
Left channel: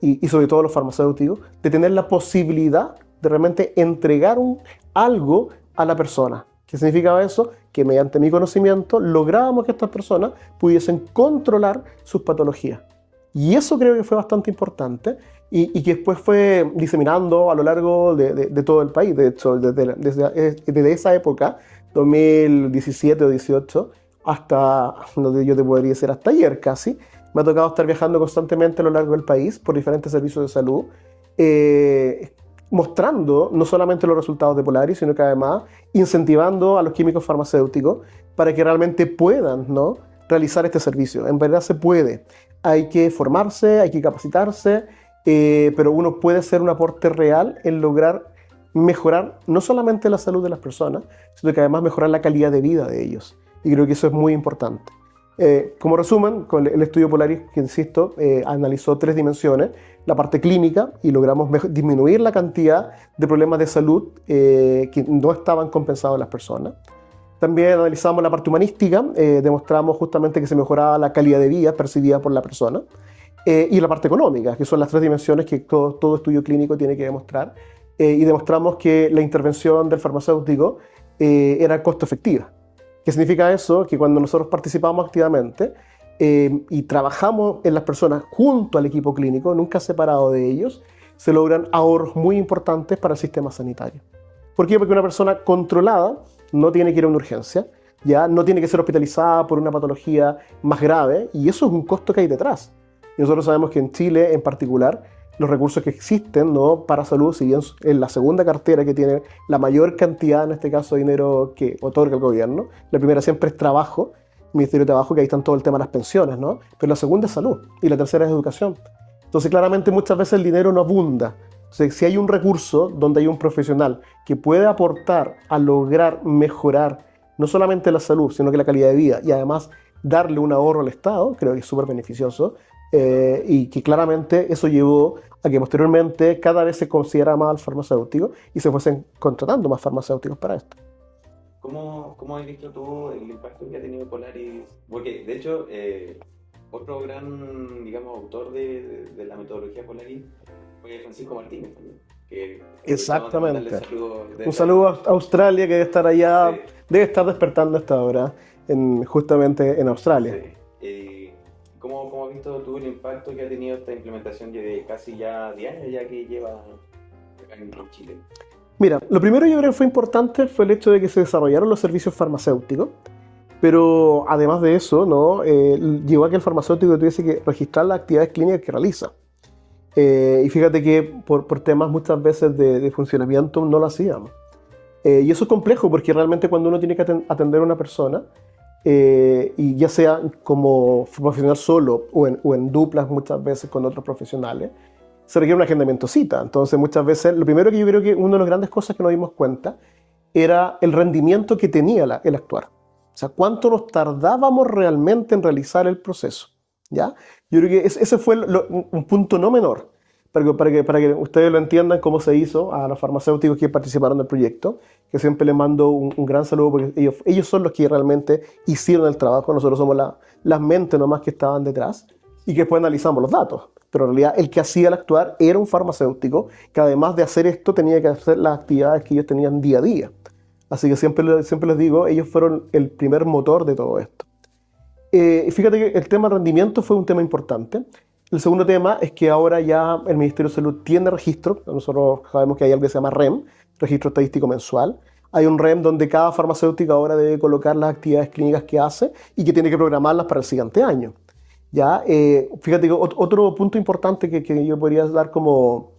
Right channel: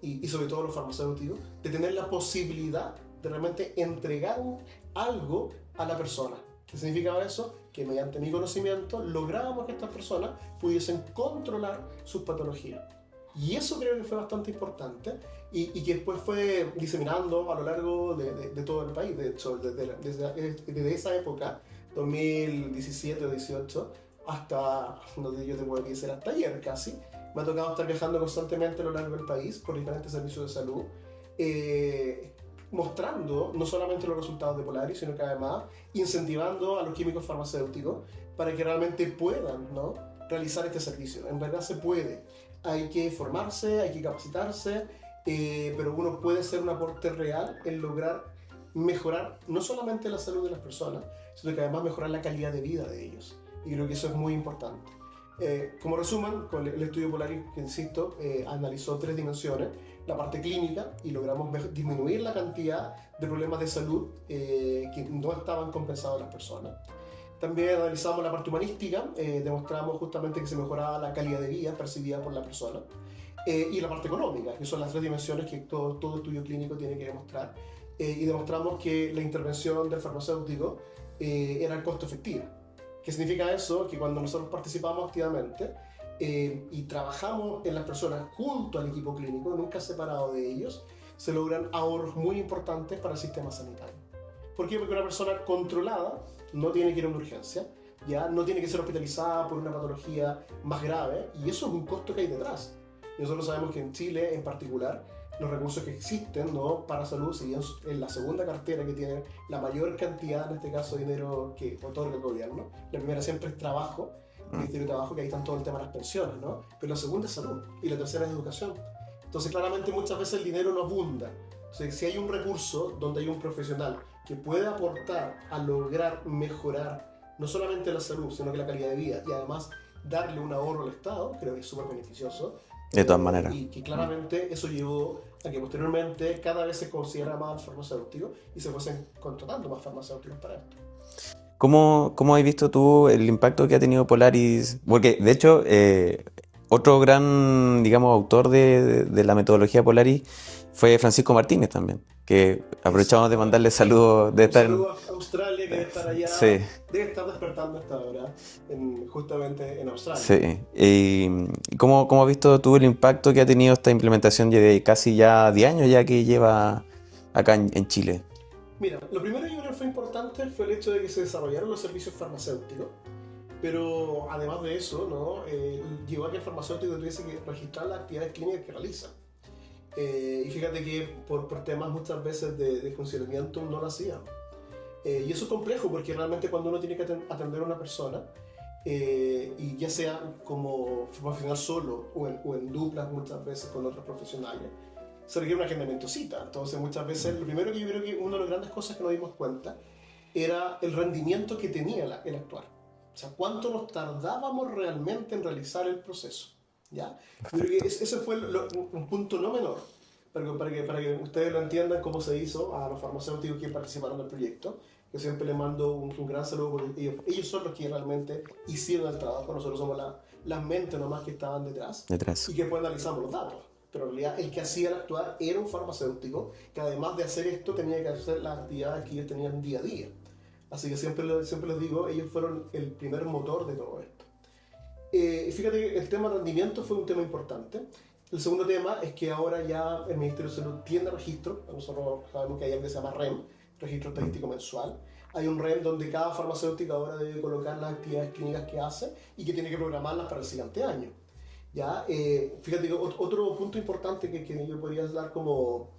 y sobre todo a los farmacéuticos, de tener la posibilidad de realmente entregar algo a la persona. ¿Qué significaba eso? que mediante mi conocimiento lográbamos que estas personas pudiesen controlar sus patologías. Y eso creo que fue bastante importante y que después fue diseminando a lo largo de todo el país. De hecho, desde esa época, 2017 o 18, hasta, yo te podría decir, hasta ayer casi, me ha tocado estar viajando constantemente a lo largo del país por diferentes servicios de salud, mostrando no solamente los resultados de Polaris, sino que además incentivando a los químicos farmacéuticos para que realmente puedan, ¿no?, realizar este servicio. En verdad se puede. Hay que formarse, hay que capacitarse, pero uno puede hacer un aporte real en lograr mejorar no solamente la salud de las personas, sino que además mejorar la calidad de vida de ellos. Y creo que eso es muy importante. Como resumen, con el estudio Polaris, que insisto, analizó 3 dimensiones: la parte clínica, y logramos disminuir la cantidad de problemas de salud que no estaban compensados en las personas. También analizamos la parte humanística, demostramos justamente que se mejoraba la calidad de vida percibida por la persona, y la parte económica, que son las 3 dimensiones que todo estudio clínico tiene que demostrar, y demostramos que la intervención del farmacéutico era costo efectiva. ¿Qué significa eso? Que cuando nosotros participamos activamente y trabajamos en las personas junto al equipo clínico, nunca separado de ellos, se logran ahorros muy importantes para el sistema sanitario. ¿Por qué? Porque una persona controlada no tiene que ir a una urgencia, ya no tiene que ser hospitalizada por una patología más grave, y eso es un costo que hay detrás. Y nosotros sabemos que en Chile en particular los recursos que existen, ¿no?, para salud, si bien es la segunda cartera que tiene la mayor cantidad, en este caso, de dinero que otorga el gobierno. La primera siempre es trabajo, el Ministerio de Trabajo, que ahí están todo el tema de las pensiones, ¿no? Pero la segunda es salud y la tercera es educación. Entonces, claramente, muchas veces el dinero no abunda. Entonces, si hay un recurso donde hay un profesional que puede aportar a lograr mejorar no solamente la salud, sino que la calidad de vida, y además darle un ahorro al Estado, creo que es súper beneficioso. De todas maneras. Y que claramente eso llevó a que posteriormente cada vez se considerara más al farmacéutico y se fuesen contratando más farmacéuticos para esto. ¿Cómo has visto tú el impacto que ha tenido Polaris? Porque, de hecho, otro gran, digamos, autor de la metodología Polaris fue Francisco Martínez también, que aprovechamos de mandarle saludos. Un saludo a Australia, que debe estar allá, sí, debe estar despertando a esta hora, justamente en Australia. Sí. ¿Y cómo has visto tú el impacto que ha tenido esta implementación de casi ya 10 años ya que lleva acá en Chile? Mira, lo primero yo creo que fue importante fue el hecho de que se desarrollaron los servicios farmacéuticos, pero además de eso, ¿no?, llevó a que el farmacéutico tuviese que registrar las actividades clínicas que realiza. Y fíjate que por temas muchas veces de funcionamiento no lo hacíamos. Y eso es complejo porque realmente cuando uno tiene que atender a una persona, y ya sea como profesional solo o en duplas muchas veces con otros profesionales, se requiere un agendamiento cita. Entonces muchas veces, lo primero que yo creo que una de las grandes cosas que nos dimos cuenta era el rendimiento que tenía el actuar. O sea, cuánto nos tardábamos realmente en realizar el proceso. ¿Ya? Yo creo que ese fue un punto no menor, para que ustedes lo entiendan cómo se hizo a los farmacéuticos que participaron del proyecto, que siempre les mando un gran saludo porque ellos son los que realmente hicieron el trabajo. Nosotros somos las mentes nomás que estaban detrás y que después analizamos los datos. Pero en realidad el que hacía el actuar era un farmacéutico que además de hacer esto tenía que hacer las actividades que ellos tenían día a día. Así que siempre les digo, ellos fueron el primer motor de todo esto. Fíjate que el tema rendimiento fue un tema importante. El segundo tema es que ahora ya el Ministerio de Salud tiene registro. Nosotros sabemos que hay algo que se llama REM, Registro Estadístico Mensual. Hay un REM donde cada farmacéutico ahora debe colocar las actividades clínicas que hace y que tiene que programarlas para el siguiente año. ¿Ya? Fíjate que otro punto importante que yo podría dar como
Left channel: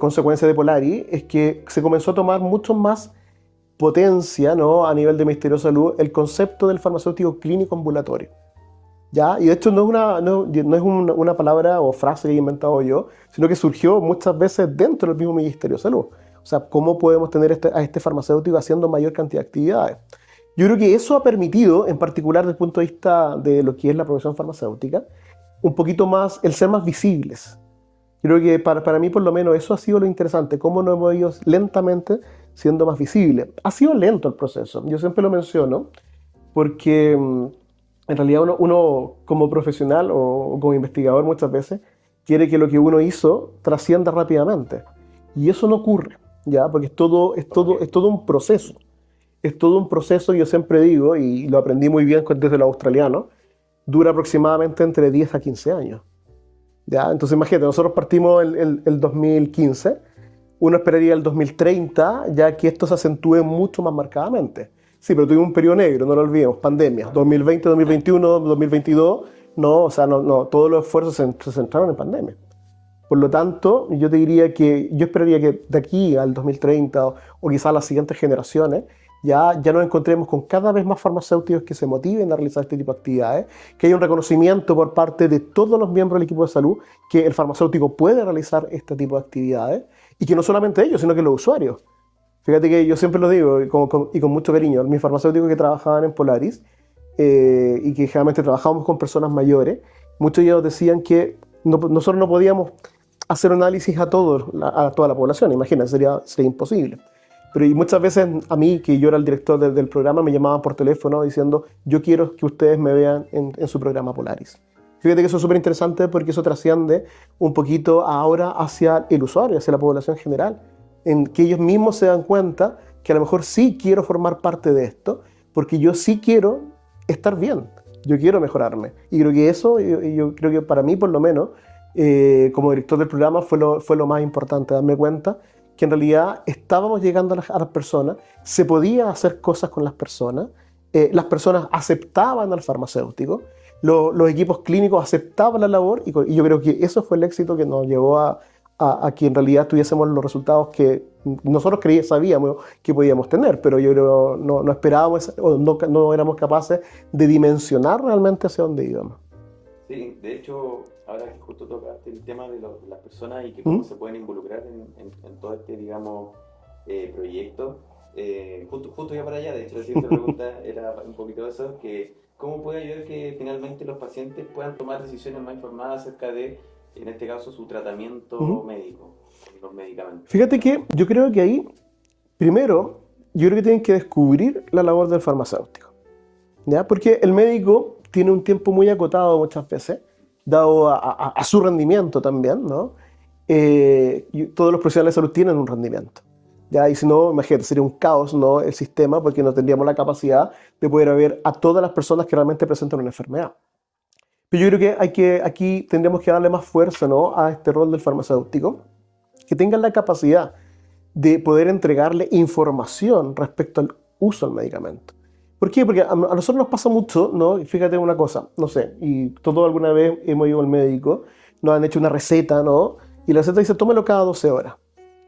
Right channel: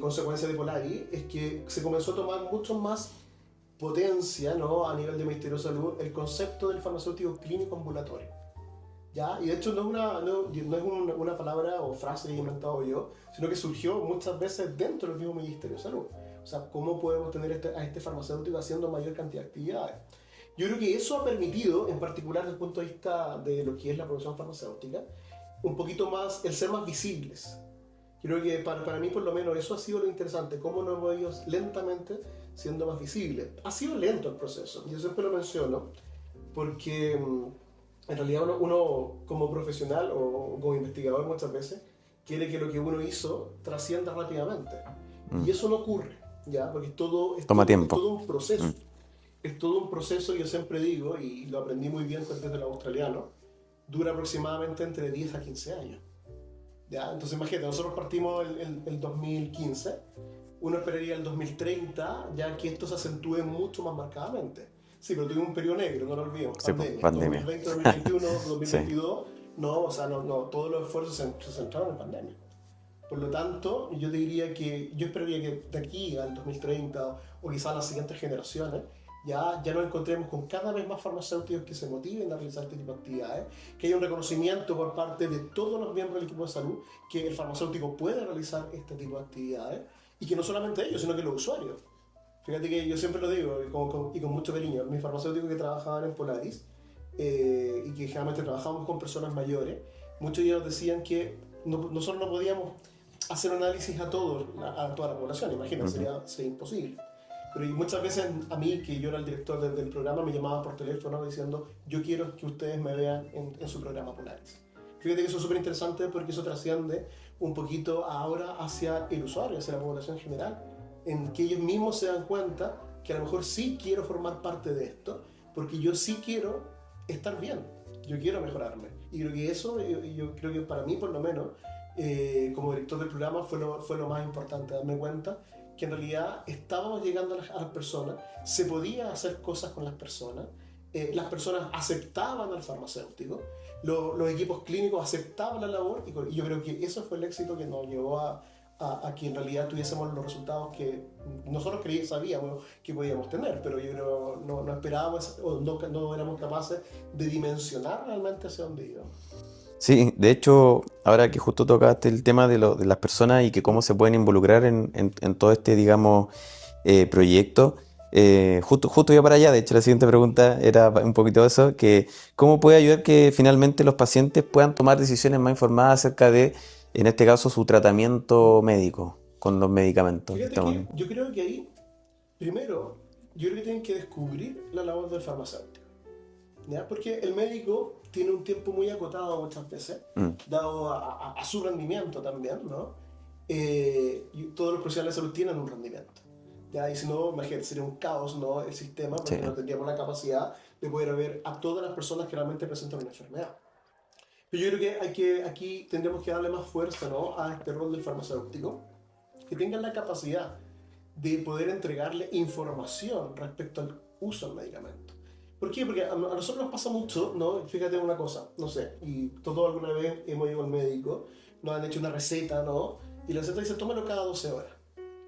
consecuencia de Polaris es que se comenzó a tomar mucho más potencia, ¿no?, a nivel del Ministerio de Salud el concepto del farmacéutico clínico ambulatorio. ¿Ya? Y de hecho no es una palabra o frase que he inventado yo, sino que surgió muchas veces dentro del mismo Ministerio de Salud. O sea, ¿cómo podemos tener a este farmacéutico haciendo mayor cantidad de actividades? Yo creo que eso ha permitido, en particular desde el punto de vista de lo que es la profesión farmacéutica, un poquito más, el ser más visibles. Yo creo que para mí, por lo menos, eso ha sido lo interesante, cómo nos hemos ido lentamente siendo más visibles. Ha sido lento el proceso, yo siempre lo menciono, porque en realidad uno como profesional o como investigador muchas veces quiere que lo que uno hizo trascienda rápidamente. Y eso no ocurre, ¿ya? Porque es todo un proceso. es todo un proceso, yo siempre digo, y lo aprendí muy bien desde los australianos, dura aproximadamente entre 10 a 15 años. ¿Ya? Entonces imagínate, nosotros partimos el 2015, uno esperaría el 2030, ya que esto se acentúe mucho más marcadamente. Sí, pero tuvimos un periodo negro, no lo olvidemos, Sí, pandemia. pandemia. 2020, 2021, 2022, Sí. no, o sea, no, todos los esfuerzos se centraron en pandemia. Por lo tanto, yo te diría que yo esperaría que de aquí al 2030 o quizás a las siguientes generaciones ya nos encontremos con cada vez más farmacéuticos que se motiven a realizar este tipo de actividades, que haya un reconocimiento por parte de todos los miembros del equipo de salud que el farmacéutico puede realizar este tipo de actividades y que no solamente ellos, sino que los usuarios. Fíjate que yo siempre lo digo y con mucho cariño, mis farmacéuticos que trabajaban en Polaris y que generalmente trabajábamos con personas mayores, muchos de ellos decían que nosotros no podíamos hacer análisis a toda la población, imagínate, sería imposible. Pero y muchas veces a mí, que yo era el director del programa, me llamaban por teléfono diciendo, yo quiero que ustedes me vean en su programa Polaris. Fíjate que eso es súper interesante porque eso trasciende un poquito ahora hacia el usuario, hacia la población general, en que ellos mismos se dan cuenta que a lo mejor sí quiero formar parte de esto, porque yo sí quiero estar bien, yo quiero mejorarme. Y creo que eso, yo creo que para mí por lo menos, como director del programa fue lo más importante, darme cuenta que en realidad estábamos llegando a las personas, se podía hacer cosas con las personas aceptaban al farmacéutico, los equipos clínicos aceptaban la labor y yo creo que eso fue el éxito que nos llevó a que en realidad tuviésemos los resultados que nosotros sabíamos que podíamos tener, pero yo creo no esperábamos o no éramos capaces de dimensionar realmente hacia dónde íbamos. Sí, de hecho, ahora que justo tocaste el tema de las personas y que cómo ¿Mm? se pueden involucrar en todo este, digamos, proyecto, justo iba para allá. De hecho, la siguiente pregunta era un poquito eso, que cómo puede ayudar que finalmente los pacientes puedan tomar decisiones más informadas acerca de, en este caso, su tratamiento ¿Mm? médico con los medicamentos. Fíjate que yo creo que ahí, primero, yo creo que tienen que descubrir la labor del farmacéutico, ¿ya? Porque el médico tiene un tiempo muy acotado muchas veces, Mm, dado a su rendimiento también, ¿no? Y todos los profesionales de salud tienen un rendimiento, ¿ya? Y si no, imagínate, sería un caos, ¿no? El sistema, porque sí. no tendríamos la capacidad de poder ver a todas las personas que realmente presentan una enfermedad. Pero yo creo que aquí tendríamos que darle más fuerza, ¿no? A este rol del farmacéutico, que tengan la capacidad de poder entregarle información respecto al uso del medicamento. ¿Por qué? Porque a nosotros nos pasa mucho, ¿no? Y fíjate una cosa, no sé, y todos alguna vez hemos ido al médico, nos han hecho una receta, ¿no? Y la receta dice, tómelo cada 12 horas.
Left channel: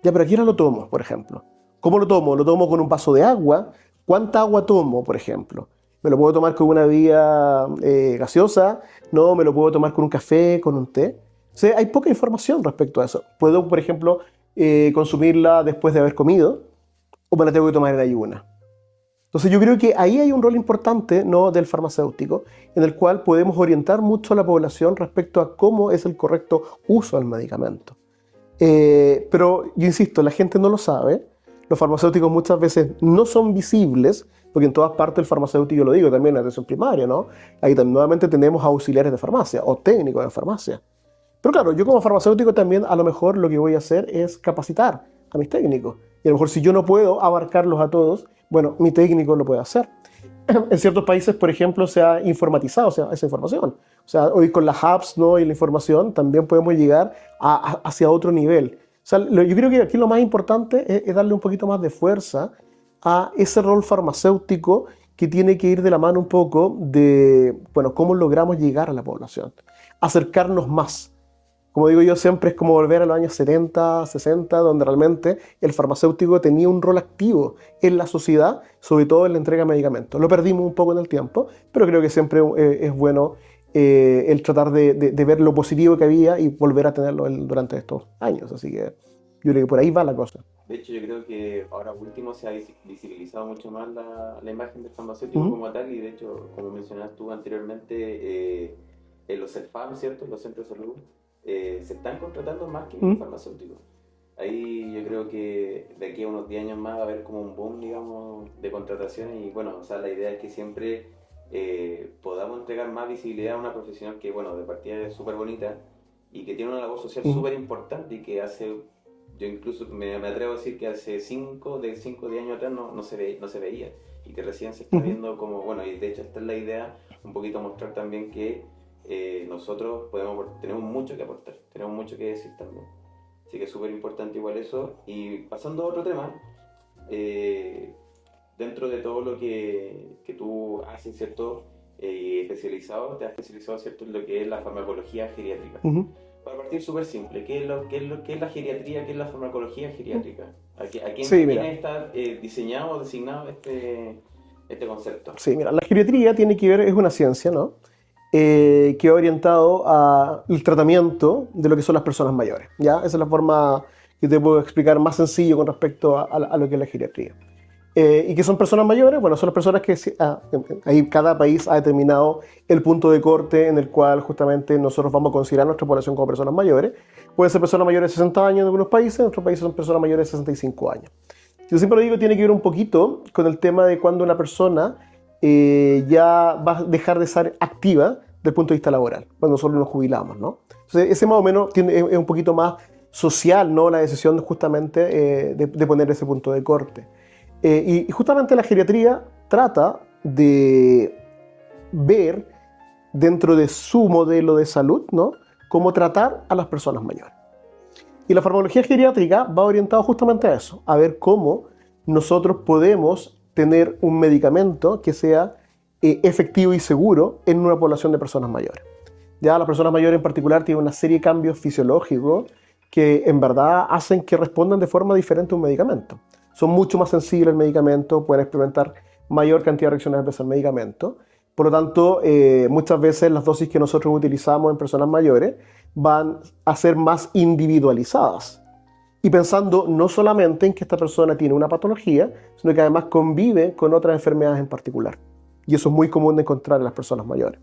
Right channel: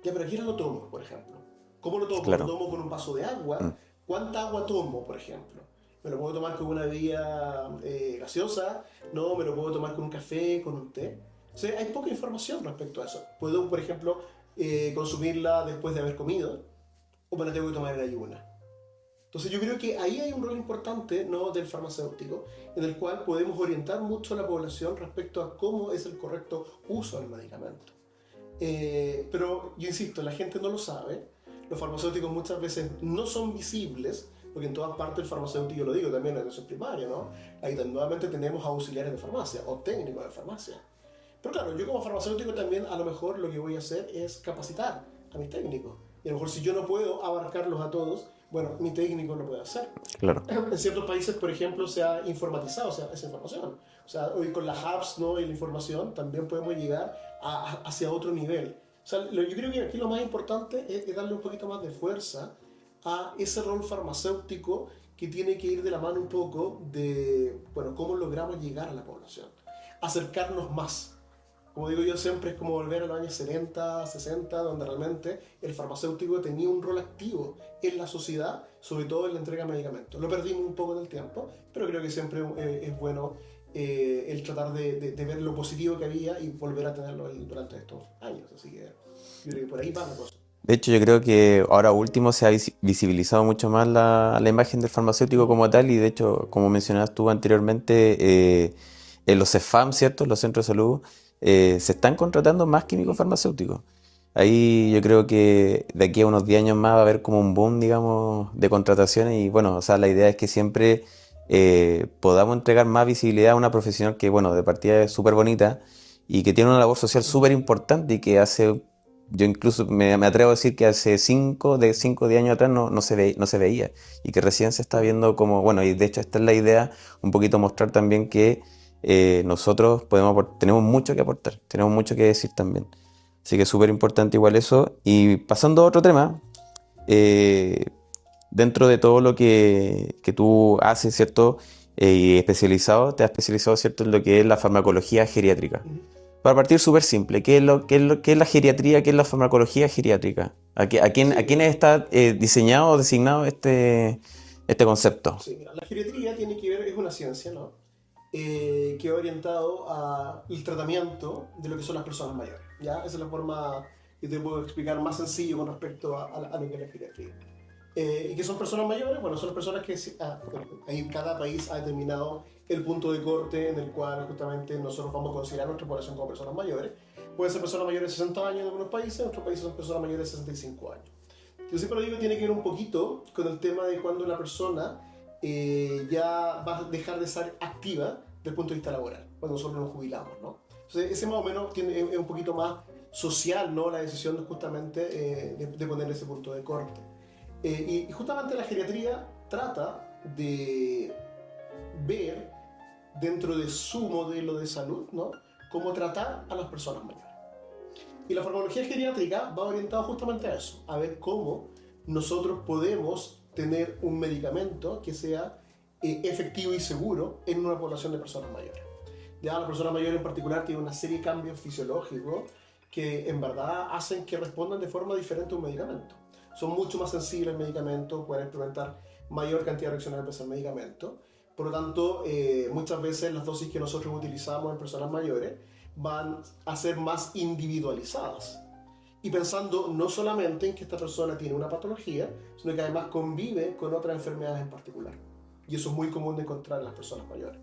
Ya, pero ¿a qué hora lo tomo, por ejemplo? ¿Cómo lo tomo? ¿Lo Claro. tomo con un vaso de agua? Mm, ¿Cuánta agua tomo, por ejemplo? ¿Me lo puedo tomar con una bebida gaseosa? ¿No? ¿Me lo puedo tomar con un café, con un té? O sea, hay poca información respecto a eso. Puedo, por ejemplo, consumirla después de haber comido o me la tengo que tomar en ayuna. Entonces yo creo que ahí hay un rol importante, ¿no? Del farmacéutico, en el cual podemos orientar mucho a la población respecto a cómo es el correcto uso del medicamento. Pero yo insisto, la gente no lo sabe, los farmacéuticos muchas veces no son visibles, porque en todas partes el farmacéutico, yo lo digo también en la atención primaria, ¿no? Ahí nuevamente tenemos auxiliares de farmacia o técnicos de farmacia. Pero claro, yo como farmacéutico también a lo mejor lo que voy a hacer es capacitar a mis técnicos. Y a lo mejor si yo no puedo abarcarlos a todos, bueno, mi técnico lo puede hacer. claro. En ciertos países, por ejemplo, se ha informatizado, o sea, esa información. O sea, hoy con las apps, ¿no? Y la información también podemos llegar hacia otro nivel. O sea, yo creo que aquí lo más importante es darle un poquito más de fuerza a ese rol farmacéutico que tiene que ir de la mano un poco de, bueno, cómo logramos llegar a la población, acercarnos más. Como digo yo, siempre es como volver a los años 70, 60, donde realmente el farmacéutico tenía un rol activo en la sociedad, sobre todo en la entrega de medicamentos. Lo perdimos un poco en el tiempo, pero creo que siempre es bueno el tratar de ver lo positivo que había y volver a tenerlo durante estos años. Así que yo creo que por ahí va la cosa. De hecho, yo creo que ahora último se ha visibilizado mucho más la imagen del farmacéutico Ujú, como tal y de hecho, como mencionabas tú anteriormente, en los CEFAM, ¿cierto? Los centros de salud, se están contratando más químicos ujú. farmacéuticos. Ahí yo creo que de aquí a unos 10 años más va a haber como un boom, digamos, de contrataciones y bueno, o sea, la idea es que siempre podamos entregar más visibilidad a una profesional que, bueno, de partida es súper bonita y que tiene una labor social Ujú. súper importante y que hace yo incluso me atrevo a decir que hace 5 de 10 años atrás no se veía y que recién se está viendo como, bueno, y de hecho esta es la idea, un poquito mostrar también que nosotros tenemos mucho que aportar, tenemos mucho que decir también. Así que es súper importante igual eso. Y pasando a otro tema, dentro de todo lo que tú haces, ¿cierto? Y te has especializado, ¿cierto? En lo que es la farmacología geriátrica. Ujú. Para partir súper simple, ¿qué es la geriatría? ¿Qué es la farmacología geriátrica? ¿A Sí, quiénes mira. está diseñado o designado este concepto? Sí, mira, la geriatría tiene que ver, es una ciencia, ¿no? Que va orientado al tratamiento de lo que son las personas mayores, ¿ya? Esa es la forma que te puedo explicar más sencillo con respecto a lo que es la geriatría. ¿Y qué son personas mayores? Bueno, son las personas que ahí cada país ha determinado el punto de corte en el cual justamente nosotros vamos a considerar nuestra población como personas mayores. Pueden ser personas mayores de 60 años en algunos países, en otros países son personas mayores de 65 años. Yo siempre lo digo, tiene que ver un poquito con el tema de cuando una persona ya va a dejar de ser activa desde el punto de vista laboral, cuando nosotros nos jubilamos, ¿no? Entonces, ese más o menos es un poquito más social, ¿no? La decisión justamente de poner ese punto de corte. Y justamente la geriatría trata de ver dentro de su modelo de salud, ¿no? Cómo tratar a las personas mayores. Y la farmacología geriátrica va orientada justamente a eso, a ver cómo nosotros podemos tener un medicamento que sea efectivo y seguro en una población de personas mayores. Ya las personas mayores en particular tienen una serie de cambios fisiológicos que en verdad hacen que respondan de forma diferente a un medicamento. Son mucho más sensibles al medicamento, pueden experimentar mayor cantidad de reacciones adversas al medicamento. Por lo tanto, muchas veces las dosis que nosotros utilizamos en personas mayores van a ser más individualizadas. Y pensando no solamente en que esta persona tiene una patología, sino que además convive con otras enfermedades en particular. Y eso es muy común de encontrar en las personas mayores.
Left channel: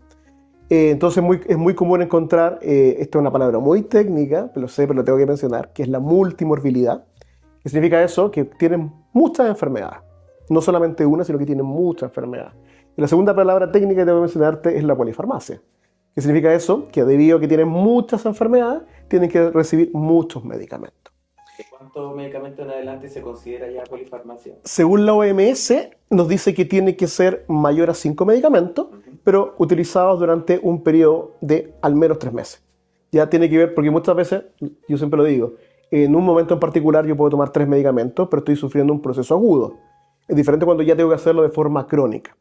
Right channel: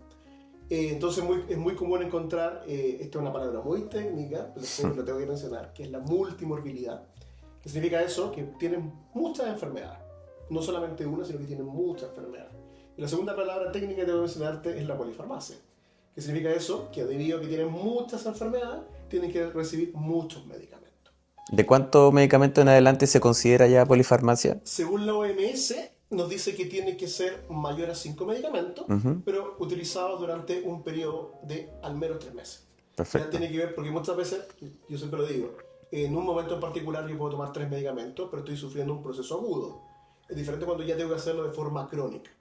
Entonces es muy común encontrar, esta es una palabra muy técnica, lo sé, pero lo tengo que mencionar, que es la multimorbilidad. ¿Qué significa eso? Que tienen muchas enfermedades. No solamente una, sino que tienen muchas enfermedades. Y la segunda palabra técnica que tengo que mencionarte es la polifarmacia. ¿Qué significa eso? Que debido a que tienen muchas enfermedades, tienen que recibir muchos medicamentos. ¿De cuántos medicamentos en adelante se considera ya polifarmacia? Según la OMS, nos dice que tiene que ser mayor a 5 medicamentos, pero utilizados durante un periodo de al menos 3 meses. Perfecto. Ya tiene que ver, porque muchas veces, yo siempre lo digo, en un momento en particular yo puedo tomar 3 medicamentos, pero estoy sufriendo un proceso agudo. Es diferente cuando ya tengo que hacerlo de forma crónica.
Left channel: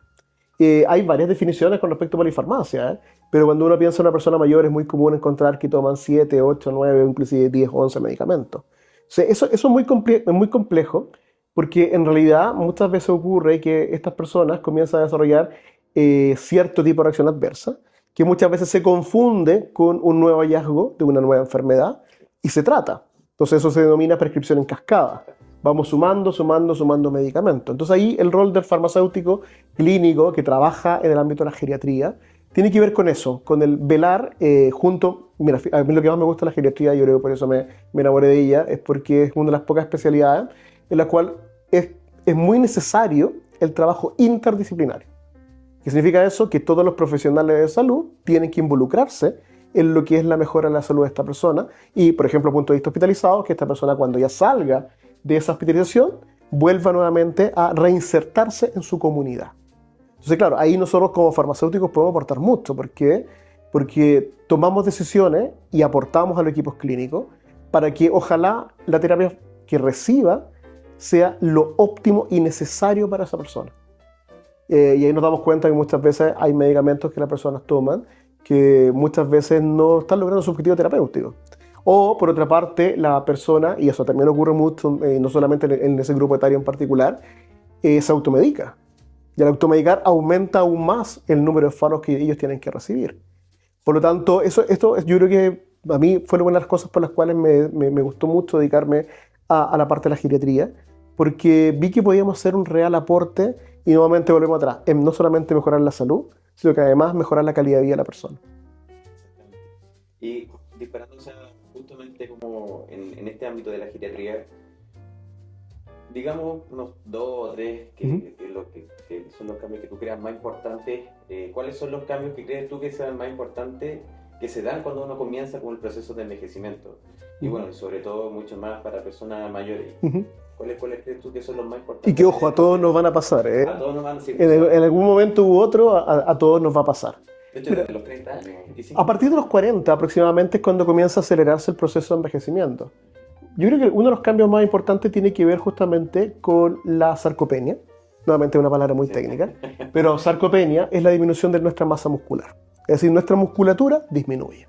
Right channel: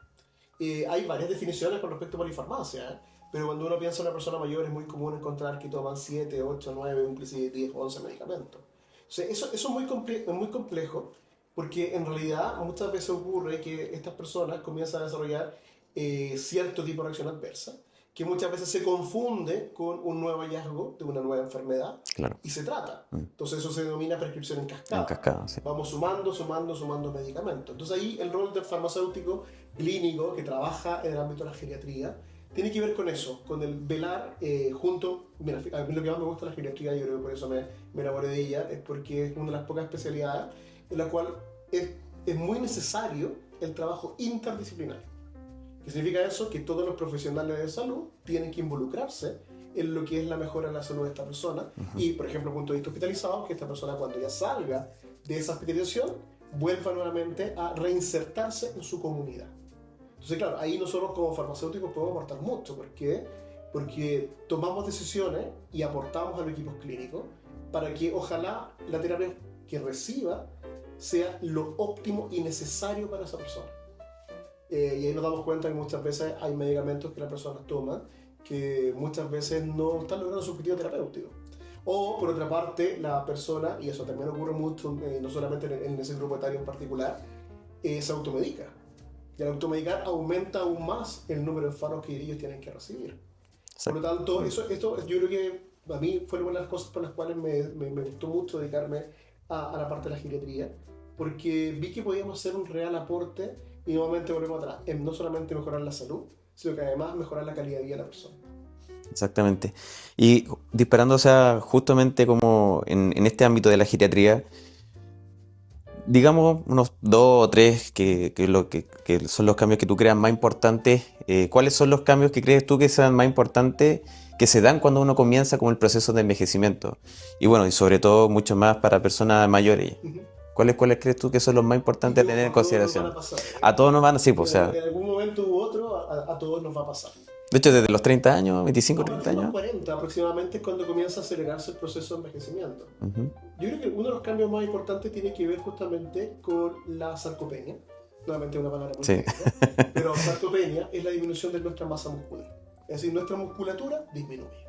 Hay varias definiciones con respecto a polifarmacia, pero cuando uno piensa en una persona mayor es muy común encontrar que toman 7, 8, 9, inclusive 10, 11 medicamentos. O sea, eso es muy complejo porque en realidad muchas veces ocurre que estas personas comienzan a desarrollar cierto tipo de reacción adversa que muchas veces se confunde con un nuevo hallazgo de una nueva enfermedad. Claro. Y se trata. Entonces eso se denomina prescripción en cascada. En cascada, sí. Vamos sumando medicamentos. Entonces ahí el rol del farmacéutico clínico que trabaja en el ámbito de la geriatría tiene que ver con eso, con el velar junto. Mira, a mí lo que más me gusta de la geriatría, yo creo que por eso me enamoré de ella, es porque es una de las pocas especialidades en la cual es muy necesario el trabajo interdisciplinario. ¿Qué significa eso? Que todos los profesionales de salud tienen que involucrarse en lo que es la mejora de la salud de esta persona. Y, por ejemplo, punto de vista hospitalizado, que esta persona cuando ya salga de esa hospitalización, vuelva nuevamente a reinsertarse en su comunidad. Entonces, claro, ahí nosotros como farmacéuticos podemos aportar mucho. ¿Por qué? Porque tomamos decisiones y aportamos a los equipos clínicos para que ojalá la terapia que reciba sea lo óptimo y necesario para esa persona. Y ahí nos damos cuenta que muchas veces hay medicamentos que las personas toman que muchas veces no están logrando su objetivo terapéutico. O, por otra parte, la persona, y eso también ocurre mucho, no solamente en ese grupo etario en particular, se automedica. Y al automedicar aumenta aún más el número de fármacos que ellos tienen que recibir. Por lo tanto, esto yo creo que a mí fue una de las cosas por las cuales me gustó mucho dedicarme a la parte de la geriatría, porque vi que podíamos hacer un real aporte y nuevamente volvemos atrás, en no solamente mejorar la salud, sino que además mejorar la calidad de vida de la persona. Exactamente. Y disparando, o sea, justamente como en este ámbito de la geriatría, digamos unos 2 o 3 que son los cambios que tú creas más importantes. ¿Cuáles son los cambios que crees tú que sean más importantes que se dan cuando uno comienza como el proceso de envejecimiento. Y bueno, y sobre todo mucho más para personas mayores. Ujú. ¿Cuáles crees tú que son los más Y importantes que a ojo, tener a en todos nos van consideración? a pasar, ¿eh? A todos nos van, sí, pues, o sea, En algún momento u otro, a todos nos va a pasar. de hecho, desde los 30 años, 25, A partir de 30 los años. 40 aproximadamente es cuando comienza a acelerarse el proceso de envejecimiento. Ujú. Yo creo que uno de los cambios más importantes tiene que ver justamente con la sarcopenia. Nuevamente una palabra muy Sí. técnica, pero sarcopenia es la disminución de nuestra masa muscular. Es decir, nuestra musculatura disminuye.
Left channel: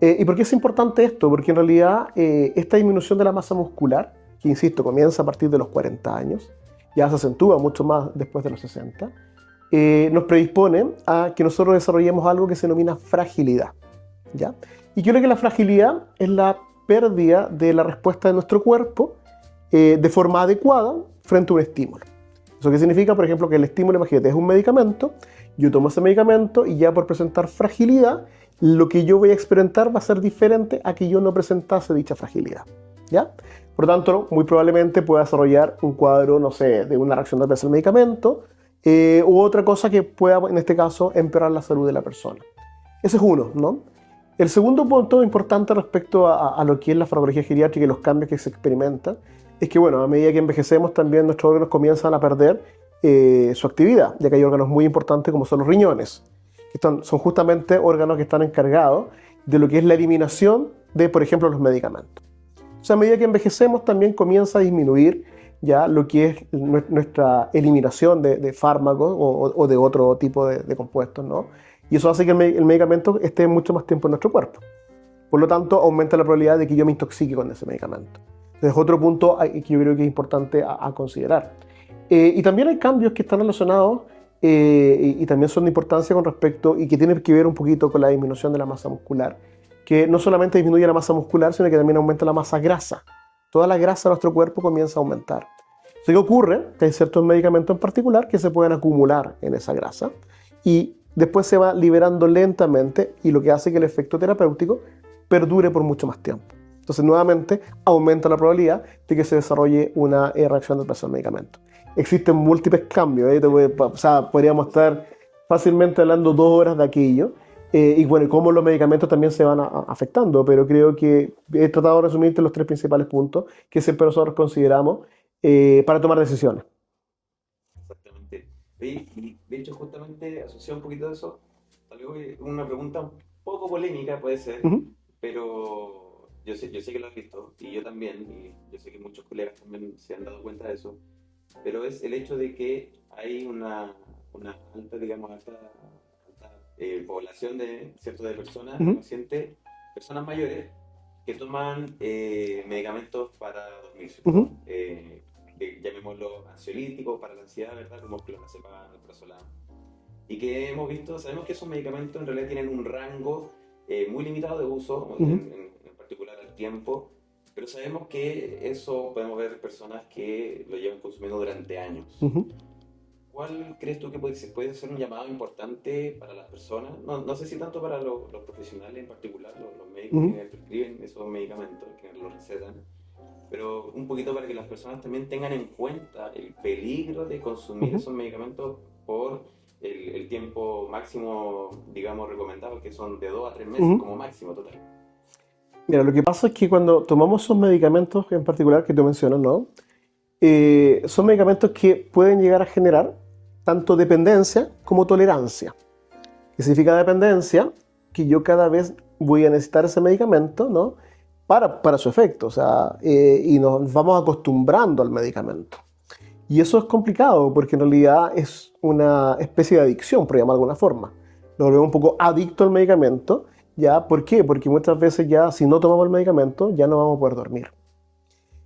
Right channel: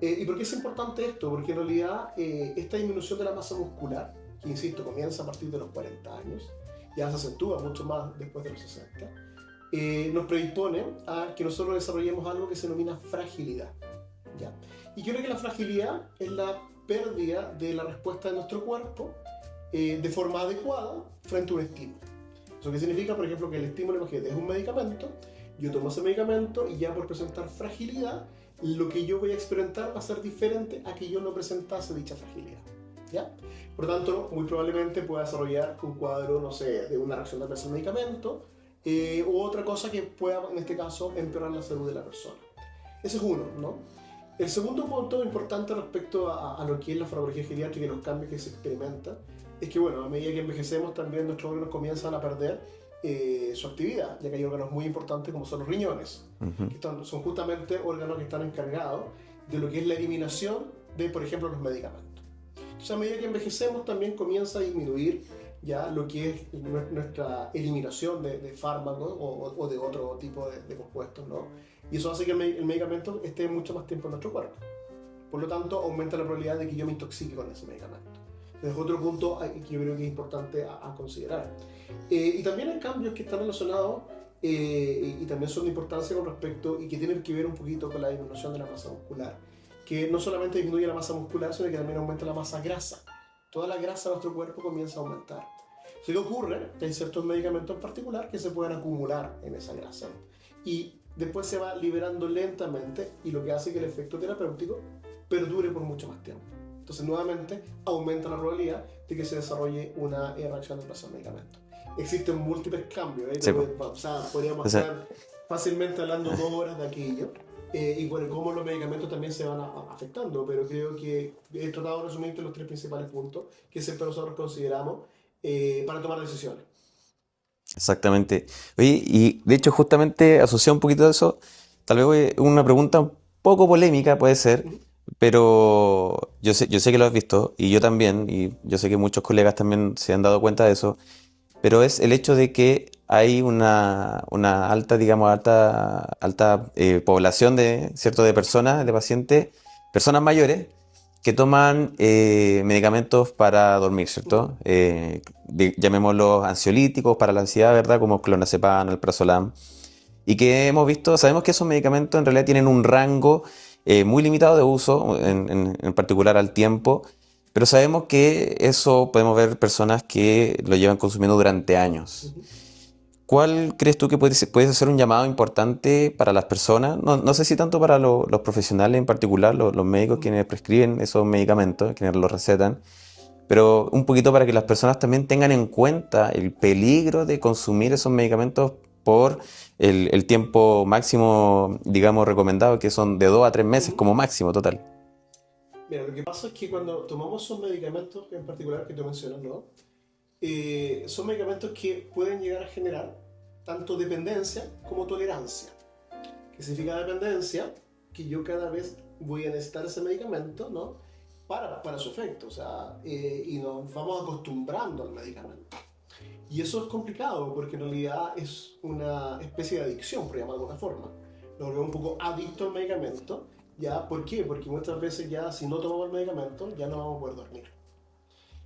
¿Y por qué es importante esto? Porque en realidad esta disminución de la masa muscular, que insisto, comienza a partir de los 40 años, ya se acentúa mucho más después de los 60, nos predispone a que nosotros desarrollemos algo que se denomina fragilidad, ¿ya? Y yo creo que la fragilidad es la pérdida de la respuesta de nuestro cuerpo de forma adecuada frente a un estímulo. ¿Eso qué significa? Por ejemplo, que el estímulo, imagínate, es un medicamento, yo tomo ese medicamento y ya por presentar fragilidad, lo que yo voy a experimentar va a ser diferente a que yo no presentase dicha fragilidad, ¿ya? Por lo tanto, muy probablemente pueda desarrollar un cuadro, no sé, de una reacción adversa al medicamento u otra cosa que pueda, en este caso, empeorar la salud de la persona. Ese es uno, ¿no? El segundo punto importante respecto a lo que es la farmacología geriátrica y los cambios que se experimentan es que, bueno, a medida que envejecemos también nuestros órganos comienzan a perder su actividad, ya que hay órganos muy importantes como son los riñones, que son justamente órganos que están encargados de lo que es la eliminación de, por ejemplo, los medicamentos. Entonces, a medida que envejecemos también comienza a disminuir ya lo que es nuestra eliminación de fármacos o de otro tipo de compuestos, ¿no? Y eso hace que el medicamento esté mucho más tiempo en nuestro cuerpo. Por lo tanto, aumenta la probabilidad de que yo me intoxique con ese medicamento. Entonces, otro punto que yo creo que es importante a considerar. Y también hay cambios que están relacionados y también son de importancia con respecto y que tienen que ver un poquito con la disminución de la masa muscular, que no solamente disminuye la masa muscular, sino que también aumenta la masa grasa. Toda la grasa de nuestro cuerpo comienza a aumentar. ¿Qué ocurre? Que hay ciertos medicamentos en particular que se pueden acumular en esa grasa y después se va liberando lentamente y lo que hace que el efecto terapéutico perdure por mucho más tiempo. Entonces, nuevamente, aumenta la probabilidad de que se desarrolle una reacción adversa al medicamento. Existen múltiples cambios, ¿eh? Sí. O sea, podríamos estar fácilmente hablando 2 horas de aquello. Y bueno, cómo los medicamentos también se van afectando, pero creo que he tratado de resumirte los 3 principales puntos que siempre nosotros consideramos para tomar decisiones. Exactamente. Oye, y de hecho, justamente asociado un poquito de eso, tal vez una pregunta un poco polémica puede ser, Ujú. pero yo sé que lo has visto, y yo también, y yo sé que muchos colegas también se han dado cuenta de eso, pero es el hecho de que hay una alta, digamos, alta población de personas, de Ujú. pacientes, personas mayores, que toman medicamentos para dormir, ¿cierto? Ujú. Llamémoslos ansiolíticos para la ansiedad, ¿verdad? Como clonazepam, alprazolam. Y que hemos visto, sabemos que esos medicamentos en realidad tienen un rango muy limitado de uso, Ujú. en particular al tiempo, pero sabemos que eso podemos ver personas que lo llevan consumiendo durante años. Ujú. ¿Cuál crees tú que puede ser un llamado importante para las personas? No sé si tanto para los profesionales en particular, los médicos Ujú. quienes prescriben esos medicamentos, quienes los recetan, pero un poquito para que las personas también tengan en cuenta el peligro de consumir Ujú. esos medicamentos por el tiempo máximo, digamos, recomendado, que son de 2 a 3 meses Ujú. como máximo total. Mira, lo que pasa es que cuando tomamos esos medicamentos en particular que tú mencionas, ¿no? Son medicamentos que pueden llegar a generar tanto dependencia como tolerancia. ¿Qué significa dependencia? Que yo cada vez voy a necesitar ese medicamento, ¿no? Para su efecto, o sea, y nos vamos acostumbrando al medicamento. Y eso es complicado porque en realidad es una especie de adicción, por llamarlo de alguna forma. Nos volvemos un poco adicto al medicamento, ¿ya? ¿Por qué? Porque muchas veces ya si no tomamos el medicamento ya no vamos a poder dormir.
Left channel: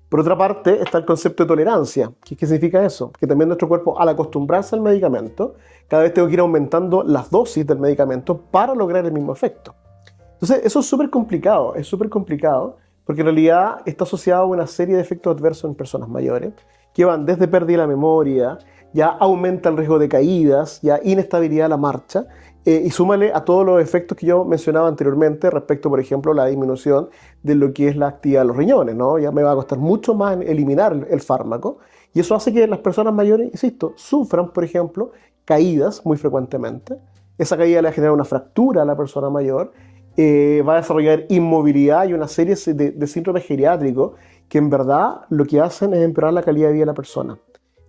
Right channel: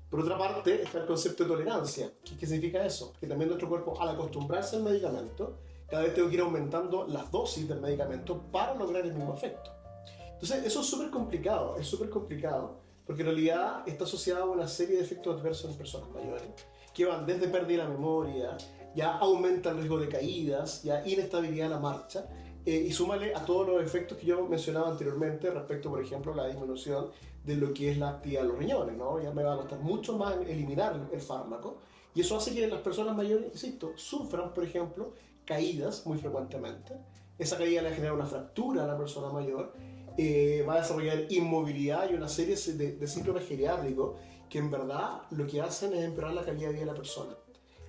Por otra parte está el concepto de tolerancia. ¿Qué significa eso? Que también nuestro cuerpo, al acostumbrarse al medicamento, cada vez tengo que ir aumentando las dosis del medicamento para lograr el mismo efecto. Entonces, eso es súper complicado, porque en realidad está asociado a una serie de efectos adversos en personas mayores, que van desde pérdida de la memoria, ya aumenta el riesgo de caídas, ya inestabilidad de la marcha, y súmale a todos los efectos que yo mencionaba anteriormente respecto, por ejemplo, a la disminución de lo que es la actividad de los riñones, ¿no? Ya me va a costar mucho más eliminar el fármaco, y eso hace que las personas mayores, insisto, sufran, por ejemplo, caídas muy frecuentemente. Esa caída le va a generar una fractura a la persona mayor, va a desarrollar inmovilidad y una serie de síndromes geriátricos que en verdad lo que hacen es empeorar la calidad de vida de la persona.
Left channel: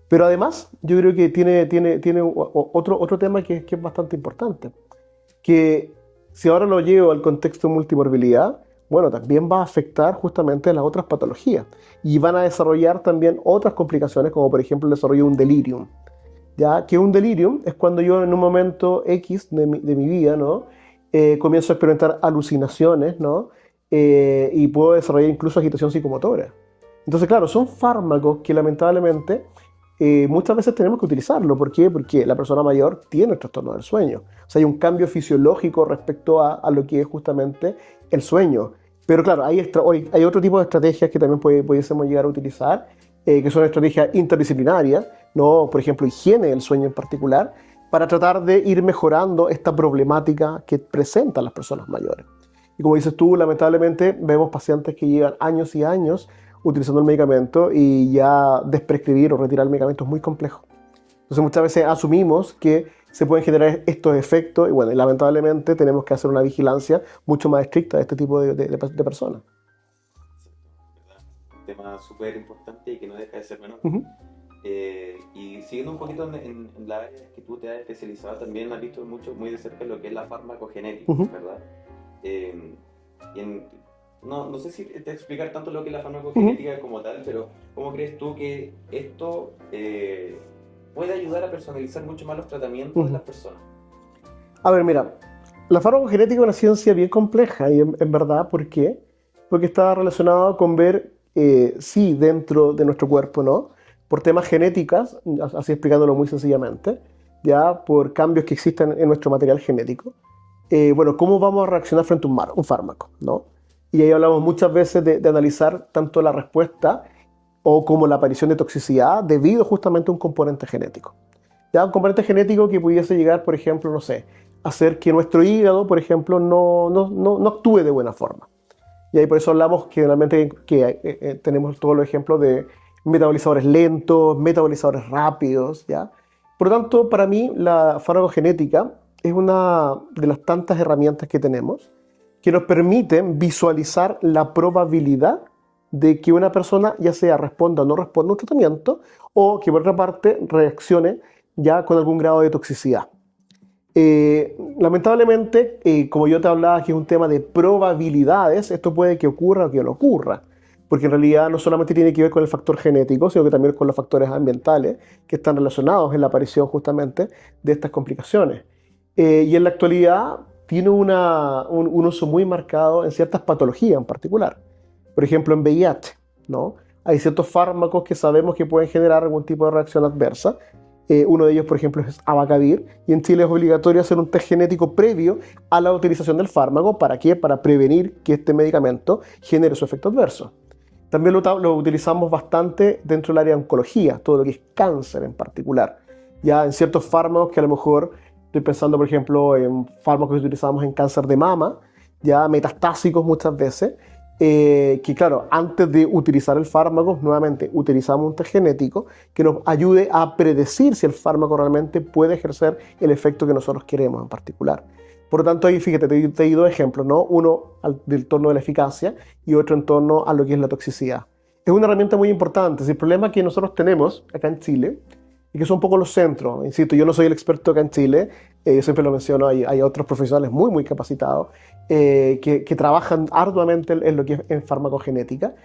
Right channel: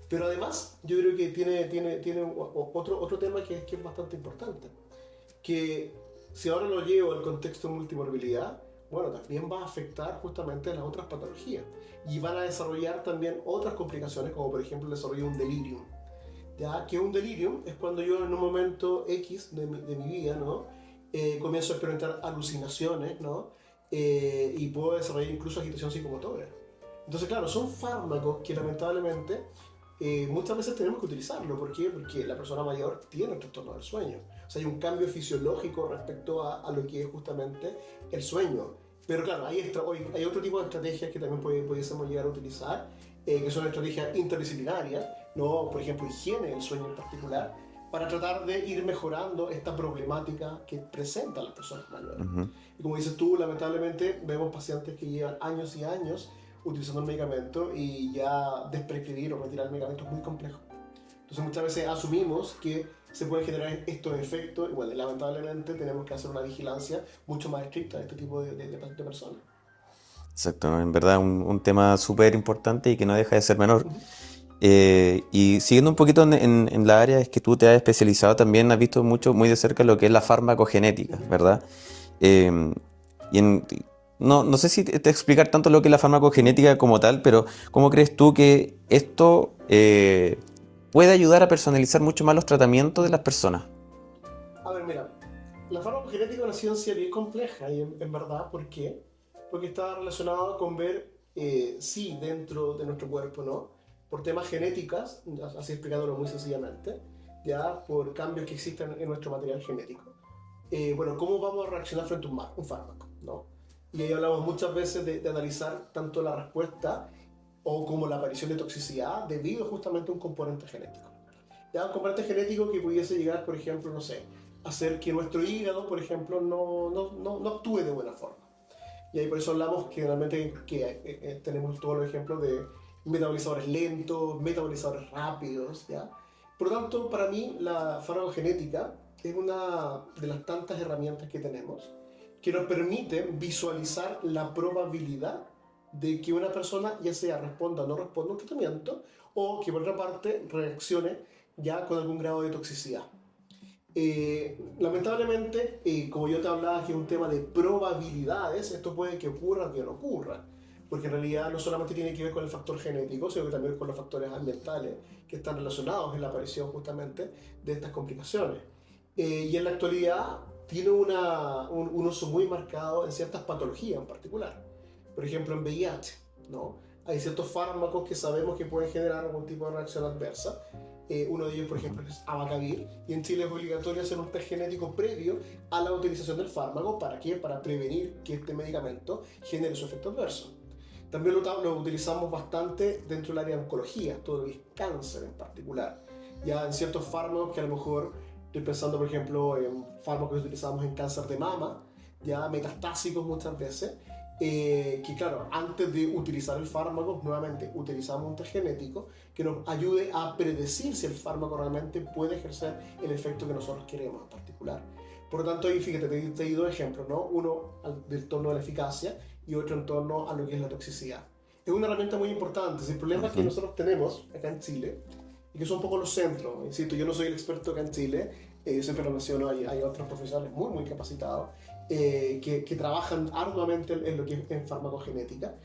Pero además, yo creo que tiene otro tema que es bastante importante, que si ahora lo llevo al contexto de multimorbilidad, bueno, también va a afectar justamente a las otras patologías y van a desarrollar también otras complicaciones, como por ejemplo el desarrollo de un delirium. ¿Ya? Que un delirium es cuando yo en un momento X de mi vida, ¿no? Comienzo a experimentar alucinaciones, ¿no? Y puedo desarrollar incluso agitación psicomotora. Entonces, claro, son fármacos que lamentablemente muchas veces tenemos que utilizarlo. ¿Por qué? Porque la persona mayor tiene el trastorno del sueño. O sea, hay un cambio fisiológico respecto a lo que es justamente el sueño. Pero claro, hay otro tipo de estrategias que también pudiésemos llegar a utilizar, que son estrategias interdisciplinarias, ¿no? Por ejemplo, higiene del sueño en particular, para tratar de ir mejorando esta problemática que presentan las personas mayores. Ujú. Y como dices tú, lamentablemente vemos pacientes que llevan años y años utilizando el medicamento y ya desprescribir o retirar el medicamento es muy complejo. Entonces muchas veces asumimos que se pueden generar estos efectos y bueno, y lamentablemente tenemos que hacer una vigilancia mucho más estricta de este tipo de personas. Exacto, en verdad un tema súper importante y que no deja de ser menor. Ujú, Y siguiendo un poquito en la área es que tú te has especializado también, has visto mucho, muy de cerca lo que es la farmacogenética, ujú, ¿verdad? Eh, y no sé si te explicar tanto lo que es la ujú, farmacogenética como tal, pero ¿cómo crees tú que esto puede ayudar a personalizar mucho más los tratamientos de ujú. las personas? A ver, mira, la farmacogenética es una ciencia bien compleja y en verdad, ¿por qué? Porque está relacionado con ver si dentro de nuestro cuerpo, ¿no? Por temas genéticas, así explicándolo muy sencillamente, ya por cambios que existen en nuestro material genético, bueno, cómo vamos a reaccionar frente a un fármaco, ¿no? Y ahí hablamos muchas veces de analizar tanto la respuesta o como la aparición de toxicidad debido justamente a un componente genético. Ya un componente genético que pudiese llegar, por ejemplo, no sé, a hacer que nuestro hígado, por ejemplo, no actúe de buena forma. Y ahí por eso hablamos que generalmente tenemos todos los ejemplos de metabolizadores lentos, metabolizadores rápidos, ¿ya? Por lo tanto, para mí la farmacogenética es una de las tantas herramientas que tenemos que nos permiten visualizar la probabilidad de que una persona ya sea responda o no responda a un tratamiento o que por otra parte reaccione ya con algún grado de toxicidad. Lamentablemente, como yo te hablaba, que es un tema de probabilidades, esto puede que ocurra o que no ocurra, porque en realidad no solamente tiene que ver con el factor genético, sino que también con los factores ambientales que están relacionados en la aparición justamente de estas complicaciones. Y en la actualidad tiene un uso muy marcado en ciertas patologías en particular. Por ejemplo, en VIH, ¿no? Hay ciertos fármacos que sabemos que pueden generar algún tipo de reacción adversa. Uno de ellos, por ejemplo, es Abacavir, y en Chile es obligatorio hacer un test genético previo a la utilización del fármaco. ¿Para qué? Para prevenir que este medicamento genere su efecto adverso. También lo utilizamos bastante dentro del área de oncología, todo lo que es cáncer en particular. Ya en ciertos fármacos que a lo mejor, estoy pensando por ejemplo en fármacos que utilizamos en cáncer de mama, ya metastásicos muchas veces, que claro, antes de utilizar el fármaco, nuevamente utilizamos un test genético que nos ayude a predecir si el fármaco realmente puede ejercer el efecto que nosotros queremos en particular. Por lo tanto, ahí fíjate, te di dos ejemplos, ¿no? Uno del torno de la eficacia y otro en torno a lo que es la toxicidad. Es una herramienta muy importante. El problema que nosotros tenemos acá en Chile, y que son un poco los centros, insisto, yo no soy el experto acá en Chile, yo siempre lo menciono, hay otros profesionales muy capacitados que trabajan arduamente en lo que es en farmacogenética,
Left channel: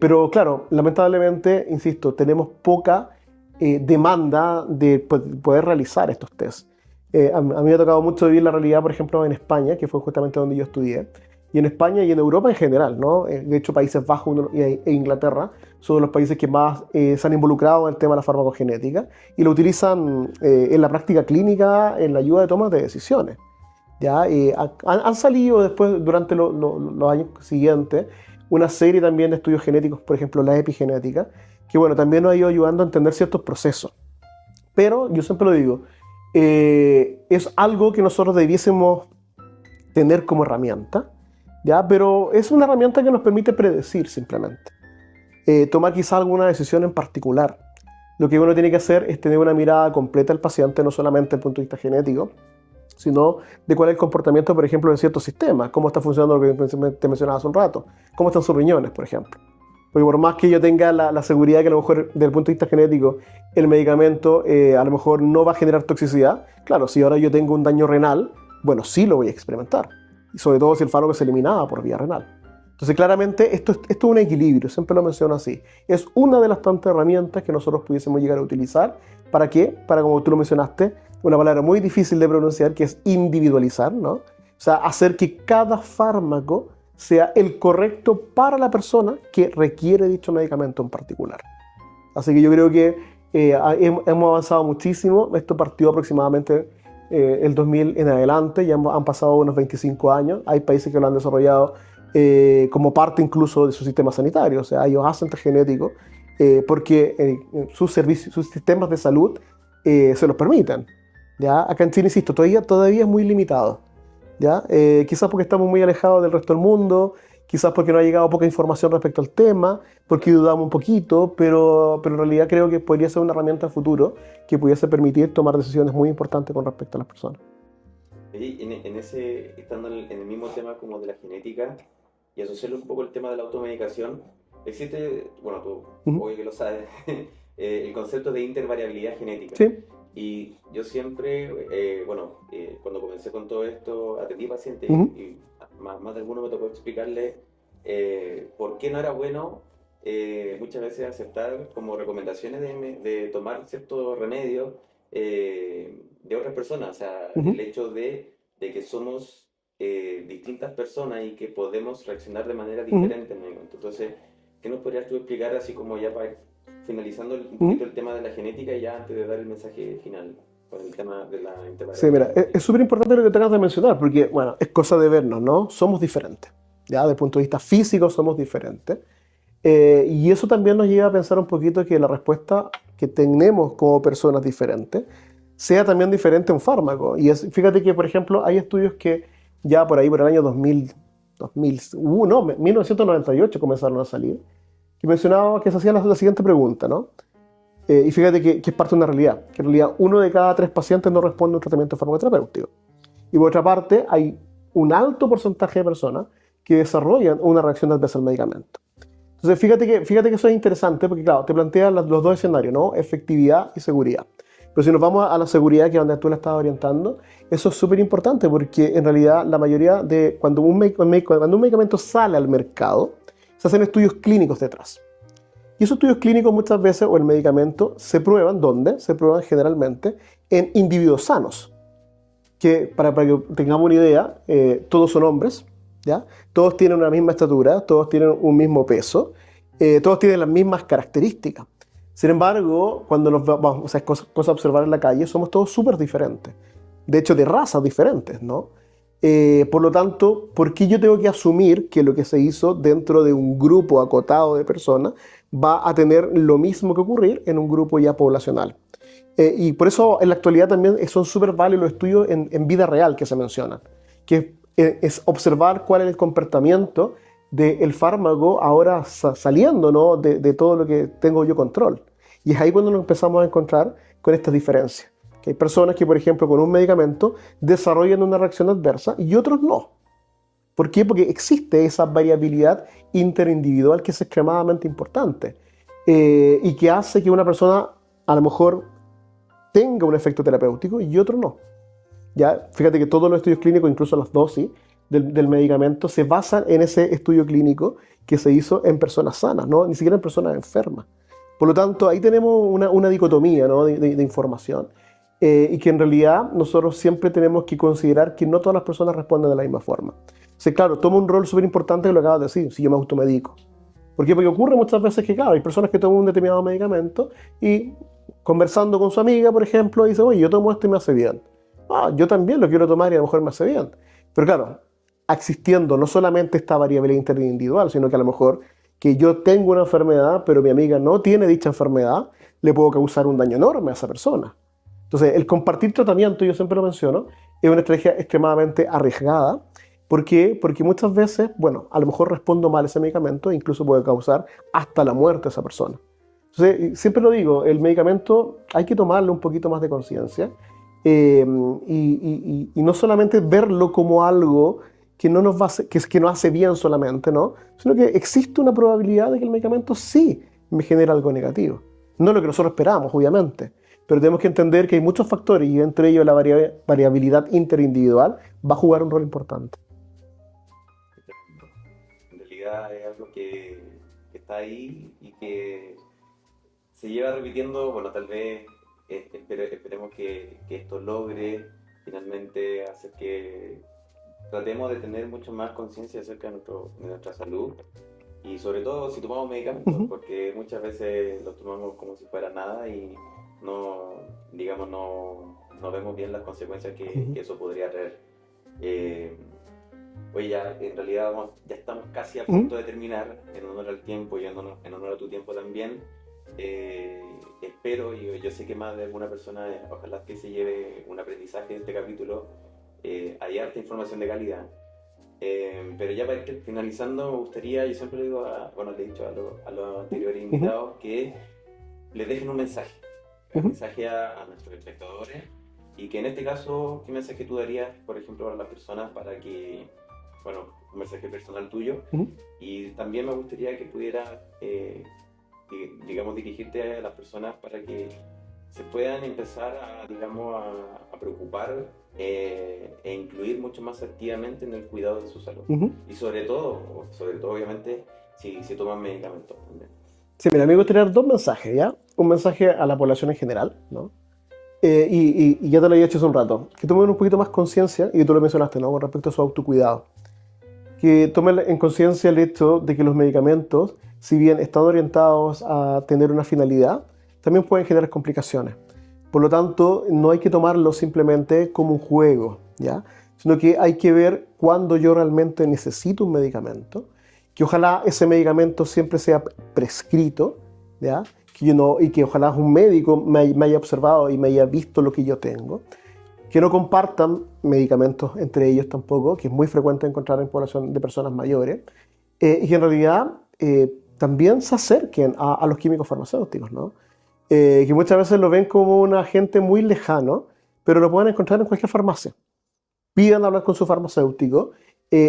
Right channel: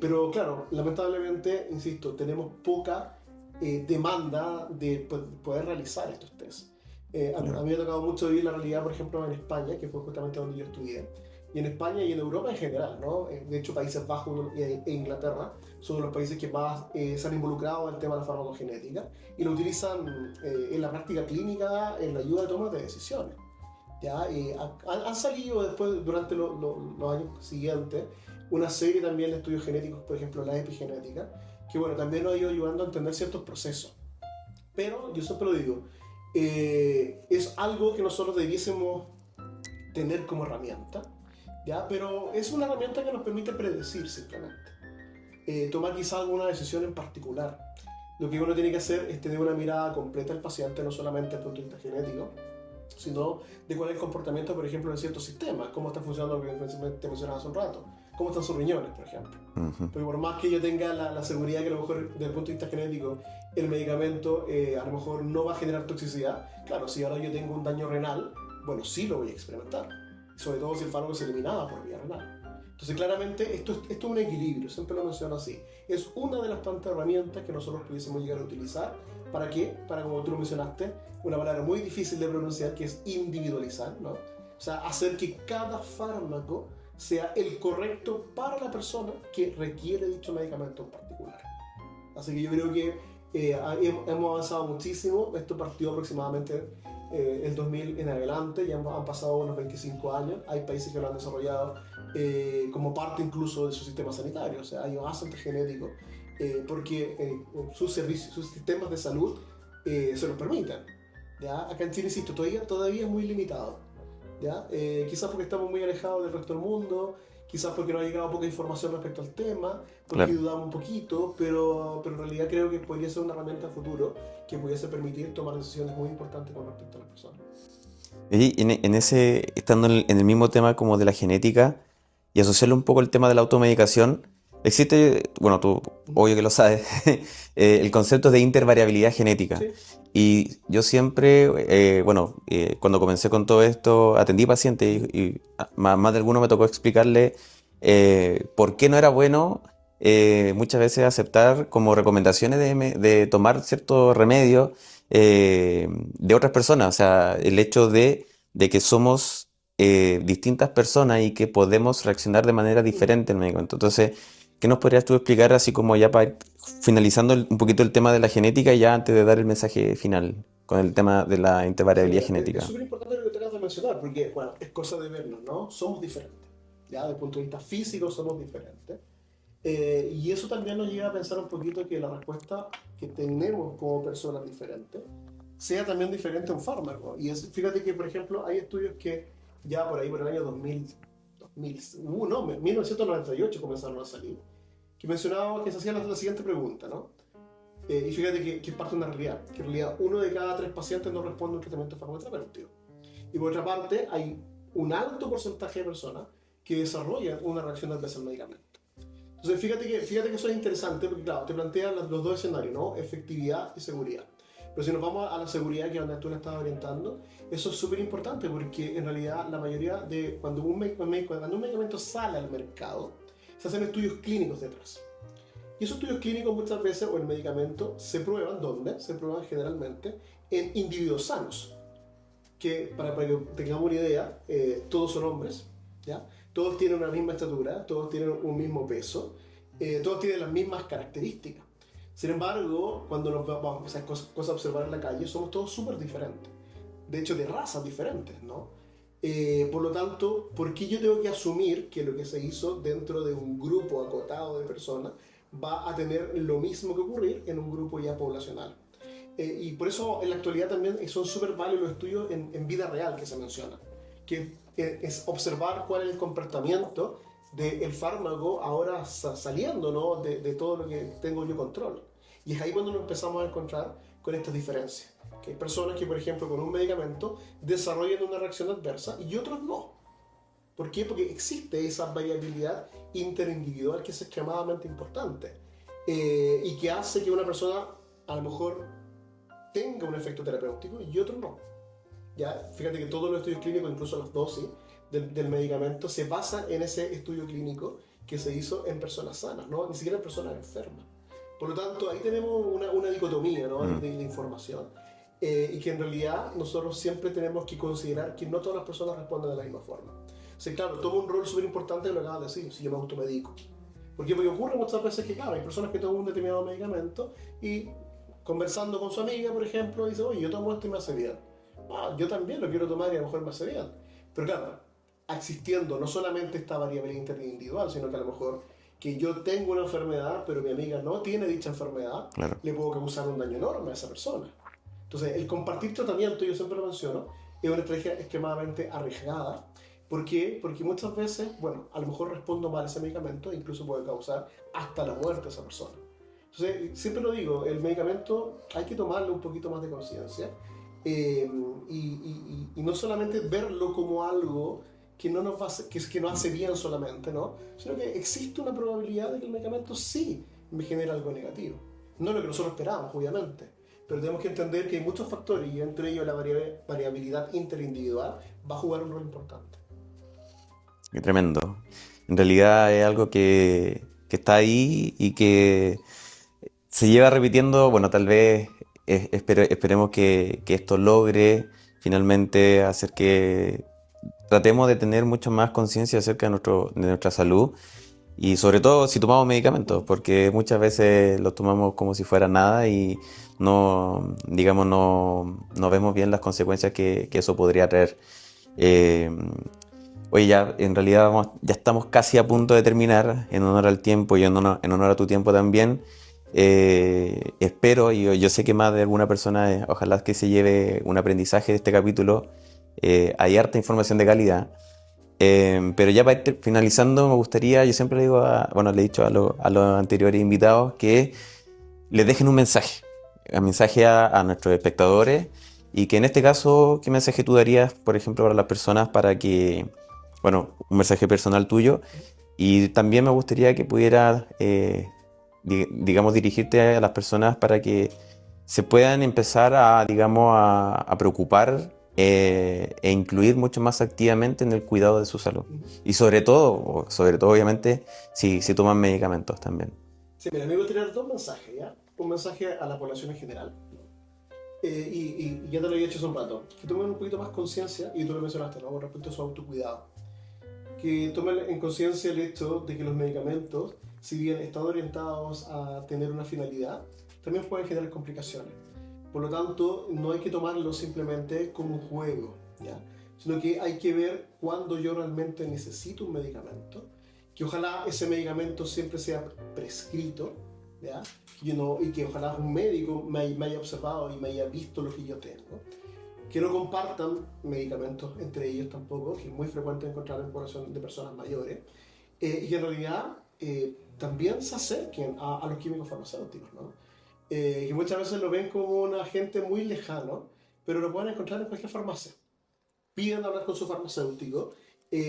pero claro, lamentablemente, insisto, tenemos poca demanda de poder realizar estos tests. A mí me ha tocado mucho vivir la realidad, por ejemplo, en España, que fue justamente donde yo estudié, y en España y en Europa en general, ¿no? De hecho, Países Bajos e Inglaterra son de los países que más se han involucrado en el tema de la farmacogenética y lo utilizan en la práctica clínica en la ayuda de tomas de decisiones. ¿Ya? Han salido después, durante los años siguientes, una serie también de estudios genéticos, por ejemplo, la epigenética, que bueno, también nos ha ido ayudando a entender ciertos procesos. Pero yo siempre lo digo, es algo que nosotros debiésemos tener como herramienta, ¿ya? Pero es una herramienta que nos permite predecir simplemente. Tomar quizá alguna decisión en particular. Lo que uno tiene que hacer es tener una mirada completa al paciente, no solamente desde el punto de vista genético, sino de cuál es el comportamiento, por ejemplo, de ciertos sistemas, cómo está funcionando lo que te mencionaba hace un rato, cómo están sus riñones, por ejemplo. Porque por más que yo tenga la seguridad que a lo mejor desde el punto de vista genético el medicamento a lo mejor no va a generar toxicidad, claro, si ahora yo tengo un daño renal, bueno, sí lo voy a experimentar, y sobre todo si el fármaco se eliminaba por vía renal. Entonces, claramente, esto es un equilibrio, siempre lo menciono así. Es una de las tantas herramientas que nosotros pudiésemos llegar a utilizar. ¿Para qué? Para, como tú lo mencionaste, una palabra muy difícil de pronunciar, que es individualizar, ¿no? O sea, hacer que cada fármaco sea el correcto para la persona que requiere dicho medicamento en particular. Así que yo creo que hemos avanzado muchísimo. Esto partió aproximadamente el 2000 en adelante, ya han pasado unos 25 años. Hay países que lo han desarrollado como parte incluso de su sistema sanitario. O sea, ellos hacen test genético porque sus sistemas de salud se los permiten. ¿Ya? Acá en Chile, insisto, todavía es muy limitado. ¿Ya? Quizás porque estamos muy alejados del resto del mundo, quizás porque no ha llegado poca información respecto al tema, porque Claro. dudamos un poquito, pero en realidad creo que podría ser una herramienta en futuro que pudiese permitir tomar decisiones muy importantes con respecto a las personas. Y estando en el mismo tema como de la genética y asociarlo un poco al tema de la automedicación, existe, bueno, tú obvio que lo sabes, el concepto de intervariabilidad genética. Sí. Y yo siempre, cuando comencé con todo esto, atendí pacientes y más de alguno me tocó explicarle por qué no era bueno muchas veces aceptar como recomendaciones de tomar ciertos remedios de otras personas. O sea, el hecho de que somos distintas personas y que podemos reaccionar de manera diferente al medicamento. Entonces, ¿qué nos podrías tú explicar así como ya para ir finalizando un poquito el tema de la genética y ya antes de dar el mensaje final con el tema de la Sí, intervariabilidad mira, es genética? súper importante lo que te acabas de mencionar, porque, bueno, es cosa de vernos, ¿no? Somos diferentes, ¿ya? Desde el punto de vista físico somos diferentes. Y eso también nos lleva a pensar un poquito que la respuesta que tenemos como personas diferentes sea también diferente a un fármaco. Fíjate que, por ejemplo, hay estudios que ya por ahí, por el año 1998 comenzaron a salir, que mencionaba que se hacía la siguiente pregunta, ¿no? Y fíjate que es parte de una realidad, que en realidad 1 de cada 3 pacientes no responde a un tratamiento farmacoterapéutico. Y por otra parte, hay un alto porcentaje de personas que desarrollan una reacción adversa al medicamento. Entonces, fíjate que eso es interesante porque, claro, te plantean los dos escenarios, ¿no? Efectividad y seguridad. Pero si nos vamos a la seguridad, que es donde tú la estás orientando, eso es súper importante porque, en realidad, la mayoría de... Cuando un medicamento sale al mercado, se hacen estudios clínicos detrás. Y esos estudios clínicos muchas veces, o el medicamento, se prueban, ¿dónde? Se prueban generalmente en individuos sanos. Que, para que tengamos una idea, todos son hombres, ¿ya? Todos tienen una misma estatura, todos tienen un mismo peso, todos tienen las mismas características. Sin embargo, cuando nos vamos, o sea, es cosa a observar en la calle, somos todos súper diferentes. De hecho, de razas diferentes, ¿no? Por lo tanto, ¿por qué yo tengo que asumir que lo que se hizo dentro de un grupo acotado de personas va a tener lo mismo que ocurrir en un grupo ya poblacional? Y por eso en la actualidad también son súper válidos los estudios en vida real que se mencionan, que es observar cuál es el comportamiento del fármaco ahora saliendo, ¿no? de todo lo que tengo yo control. Y es ahí cuando nos empezamos a encontrar con estas diferencias. Que hay personas que, por ejemplo, con un medicamento desarrollan una reacción adversa y otros no. ¿Por qué? Porque existe esa variabilidad interindividual que es extremadamente importante y que hace que una persona a lo mejor tenga un efecto terapéutico y otro no. Ya, fíjate que todos los estudios clínicos, incluso las dosis del medicamento, se basan en ese estudio clínico que se hizo en personas sanas, ¿no? Ni siquiera en personas enfermas. Por lo tanto, ahí tenemos una dicotomía, ¿no? de información. Y que en realidad nosotros siempre tenemos que considerar que no todas las personas responden de la misma forma. O sea, claro, toma un rol súper importante que lo acabas de decir, si yo me automedico. ¿Por qué? Porque ocurre muchas veces que, claro, hay personas que toman un determinado medicamento y conversando con su amiga, por ejemplo, dice, oye, yo tomo esto y me hace bien. Ah, yo también lo quiero tomar y a lo mejor me hace bien. Pero claro, existiendo no solamente esta variabilidad interindividual, sino que a lo mejor que yo tengo una enfermedad, pero mi amiga no tiene dicha enfermedad, Claro. le puedo causar un daño enorme a esa persona. Entonces, el compartir tratamiento, yo siempre lo menciono, es una estrategia extremadamente arriesgada. ¿Por qué? Porque muchas veces, bueno, a lo mejor respondo mal a ese medicamento e incluso puede causar hasta la muerte a esa persona. Entonces, siempre lo digo, el medicamento hay que tomarle un poquito más de conciencia y no solamente verlo como algo que no nos va a que nos hace bien solamente, ¿no? Sino que existe una probabilidad de que el medicamento sí me genere algo negativo. No lo que nosotros esperamos, obviamente, pero tenemos que entender que hay muchos factores y entre ellos la variabilidad interindividual va a jugar un rol importante. Qué tremendo. En realidad es algo que está ahí y que se lleva repitiendo, bueno, tal vez esperemos que esto logre finalmente hacer que tratemos de tener mucho más conciencia acerca de nuestra salud y sobre todo si tomamos medicamentos, Ujú. porque muchas veces los tomamos como si fuera nada y no, digamos, no vemos bien las consecuencias que Ujú. eso podría traer. Eh, Oye, ya en realidad ya estamos casi a Ujú. punto de terminar, en honor al tiempo y en honor a tu tiempo también. Espero, y yo sé que más de alguna persona, ojalá que se lleve un aprendizaje de este capítulo. Hay harta información de calidad. Pero ya para ir finalizando, me gustaría, yo siempre le digo, bueno, le he dicho a los anteriores Ujú. invitados que les dejen un Ujú. mensaje a nuestros espectadores y que en este caso, ¿qué mensaje tú darías, por ejemplo, para las personas para que, bueno, un mensaje personal tuyo Ujú. y también me gustaría que pudieras, digamos, dirigirte a las personas para que se puedan empezar a, digamos, a preocupar e incluir mucho más activamente en el cuidado de su salud. Ujú. Y sobre todo obviamente, si toman medicamentos también. Sí, mira, a mí me gustaría dar dos mensajes, ¿ya? Un mensaje a la población en general, ¿no? Y ya te lo había hecho hace un rato, que tomen un poquito más conciencia, y tú lo mencionaste, ¿no? Con respecto a su autocuidado. Que tomen en conciencia el hecho de que los medicamentos, si bien están orientados a tener una finalidad, también pueden generar complicaciones. Por lo tanto, no hay que tomarlo simplemente como un juego, ¿ya? Sino que hay que ver cuándo yo realmente necesito un medicamento, que ojalá ese medicamento siempre sea prescrito, ¿ya? Que yo no, y que ojalá un médico me haya observado y me haya visto lo que yo tengo, que no compartan medicamentos entre ellos tampoco, que es muy frecuente encontrar en población de personas mayores, y que en realidad también se acerquen a los químicos farmacéuticos, ¿no? Que muchas veces lo ven como un agente muy lejano, pero lo pueden encontrar en cualquier farmacia. Pidan hablar con su farmacéutico.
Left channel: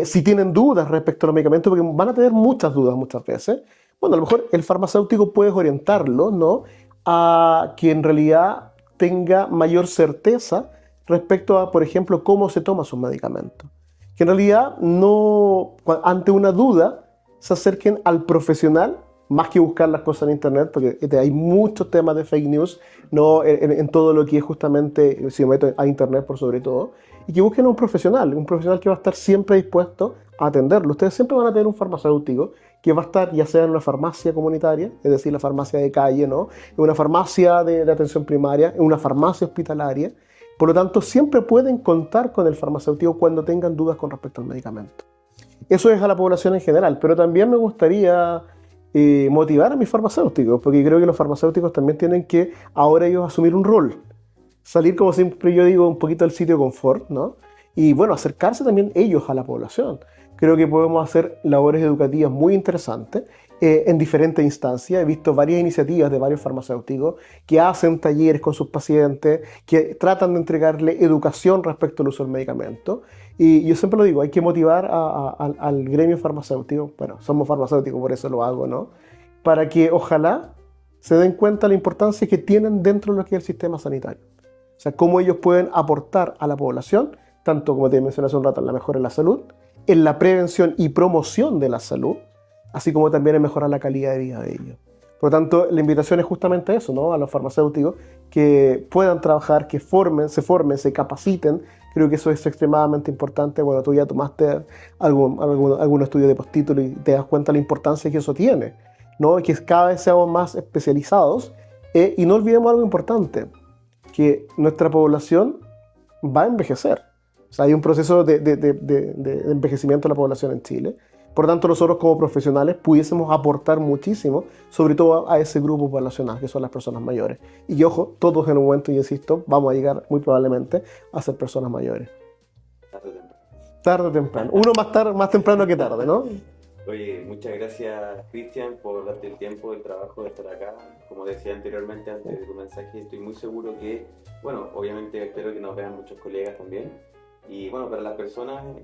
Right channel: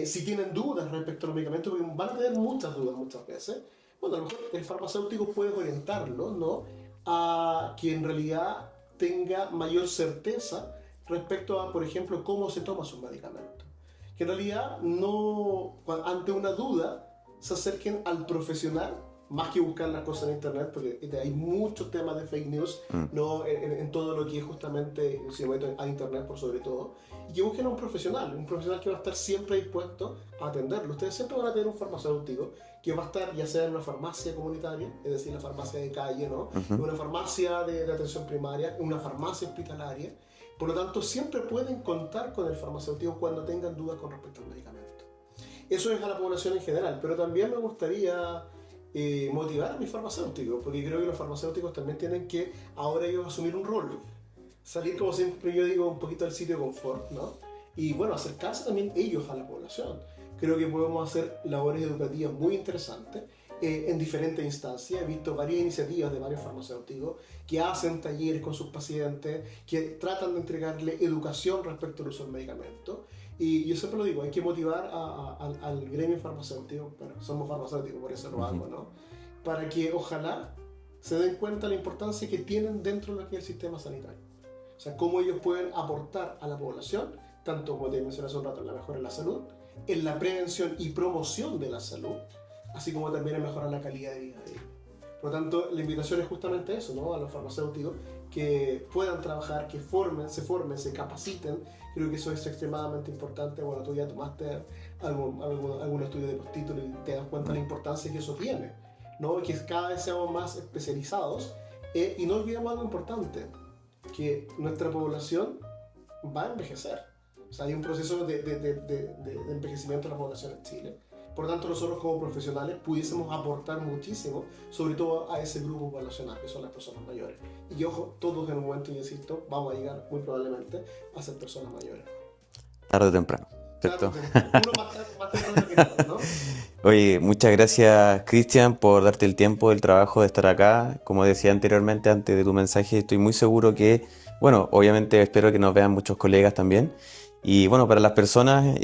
Si tienen dudas respecto a los medicamentos, porque van a tener muchas dudas muchas veces, bueno, a lo mejor el farmacéutico puede orientarlo, ¿no? A que en realidad tenga mayor certeza respecto a, por ejemplo, cómo se toma sus medicamentos. Que en realidad no, ante una duda, se acerquen al profesional más que buscar las cosas en internet, porque hay muchos temas de fake news, Mm. ¿no? En todo lo que es justamente, si me meto a internet por sobre todo, y que busquen a un profesional que va a estar siempre dispuesto a atenderlo. Ustedes siempre van a tener un farmacéutico que va a estar ya sea en una farmacia comunitaria, es decir, la farmacia de calle, ¿no? En Ujú. una farmacia de atención primaria, en una farmacia hospitalaria. Por lo tanto, siempre pueden contar con el farmacéutico cuando tengan dudas con respecto al medicamento. Eso es a la población en general, pero también me gustaría motivar a mis farmacéuticos, porque creo que los farmacéuticos también tienen que ahora ellos asumir un rol, salir, como siempre yo digo, un poquito del sitio de confort, ¿no? Y bueno, acercarse también ellos a la población. Creo que podemos hacer labores educativas muy interesantes en diferentes instancias. He visto varias iniciativas de varios farmacéuticos que hacen talleres con sus pacientes, que tratan de entregarle educación respecto al uso del medicamento. Y yo siempre lo digo, hay que motivar al gremio farmacéutico, bueno, somos farmacéuticos, por eso lo hago, ¿no? Para que ojalá se den cuenta de la importancia que tienen dentro de lo que es el sistema sanitario. O sea, cómo ellos pueden aportar a la población, tanto como te mencioné hace un rato, en la mejora de la salud, en la prevención y promoción de la salud, así como también en mejorar la calidad de vida de ellos. Por lo tanto, la invitación es justamente eso, ¿no? A los farmacéuticos que puedan trabajar, que se formen, se capaciten. Creo que eso es extremadamente importante. Bueno, tú ya tomaste algún estudio de postítulo y te das cuenta de la importancia que eso tiene, ¿no? Que cada vez seamos más especializados. Y no olvidemos algo importante, que nuestra población va a envejecer. O sea, hay un proceso de envejecimiento de la población en Chile. Por tanto, nosotros como profesionales pudiésemos aportar muchísimo, sobre todo a ese grupo poblacional, que son las personas mayores. Y que, ojo, todos en un momento, yo insisto, vamos a llegar muy probablemente a ser personas mayores. Tarde o temprano, Tarde o ¿cierto? temprano. Uno más temprano que tarde, ¿no? Oye, muchas gracias, Cristian, por darte el tiempo, el trabajo de estar acá. Como decía anteriormente, antes de tu mensaje, estoy muy seguro que Bueno, obviamente espero que nos vean muchos colegas también. Y bueno, para las personas,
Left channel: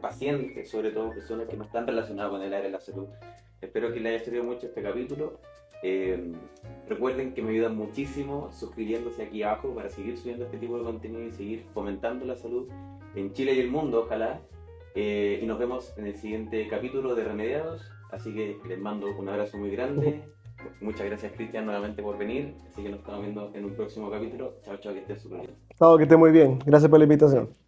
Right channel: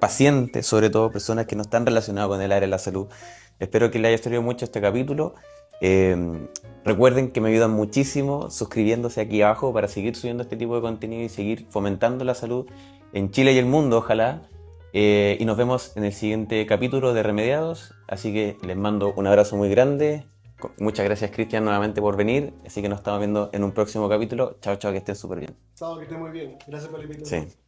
pacientes, sobre todo personas que no están relacionadas con el área de la salud, espero que les haya servido mucho este capítulo. Eh, Recuerden que me ayudan muchísimo suscribiéndose aquí abajo para seguir subiendo este tipo de contenido y seguir fomentando la salud en Chile y el mundo, ojalá. Y nos vemos en el siguiente capítulo de Remediados. Así que les mando un abrazo muy grande. Muchas gracias, Cristian, nuevamente por venir. Así que nos estamos viendo en un próximo capítulo. Chao, chao, que estés súper bien. Chao, que esté muy bien. Gracias por la invitación. Sí.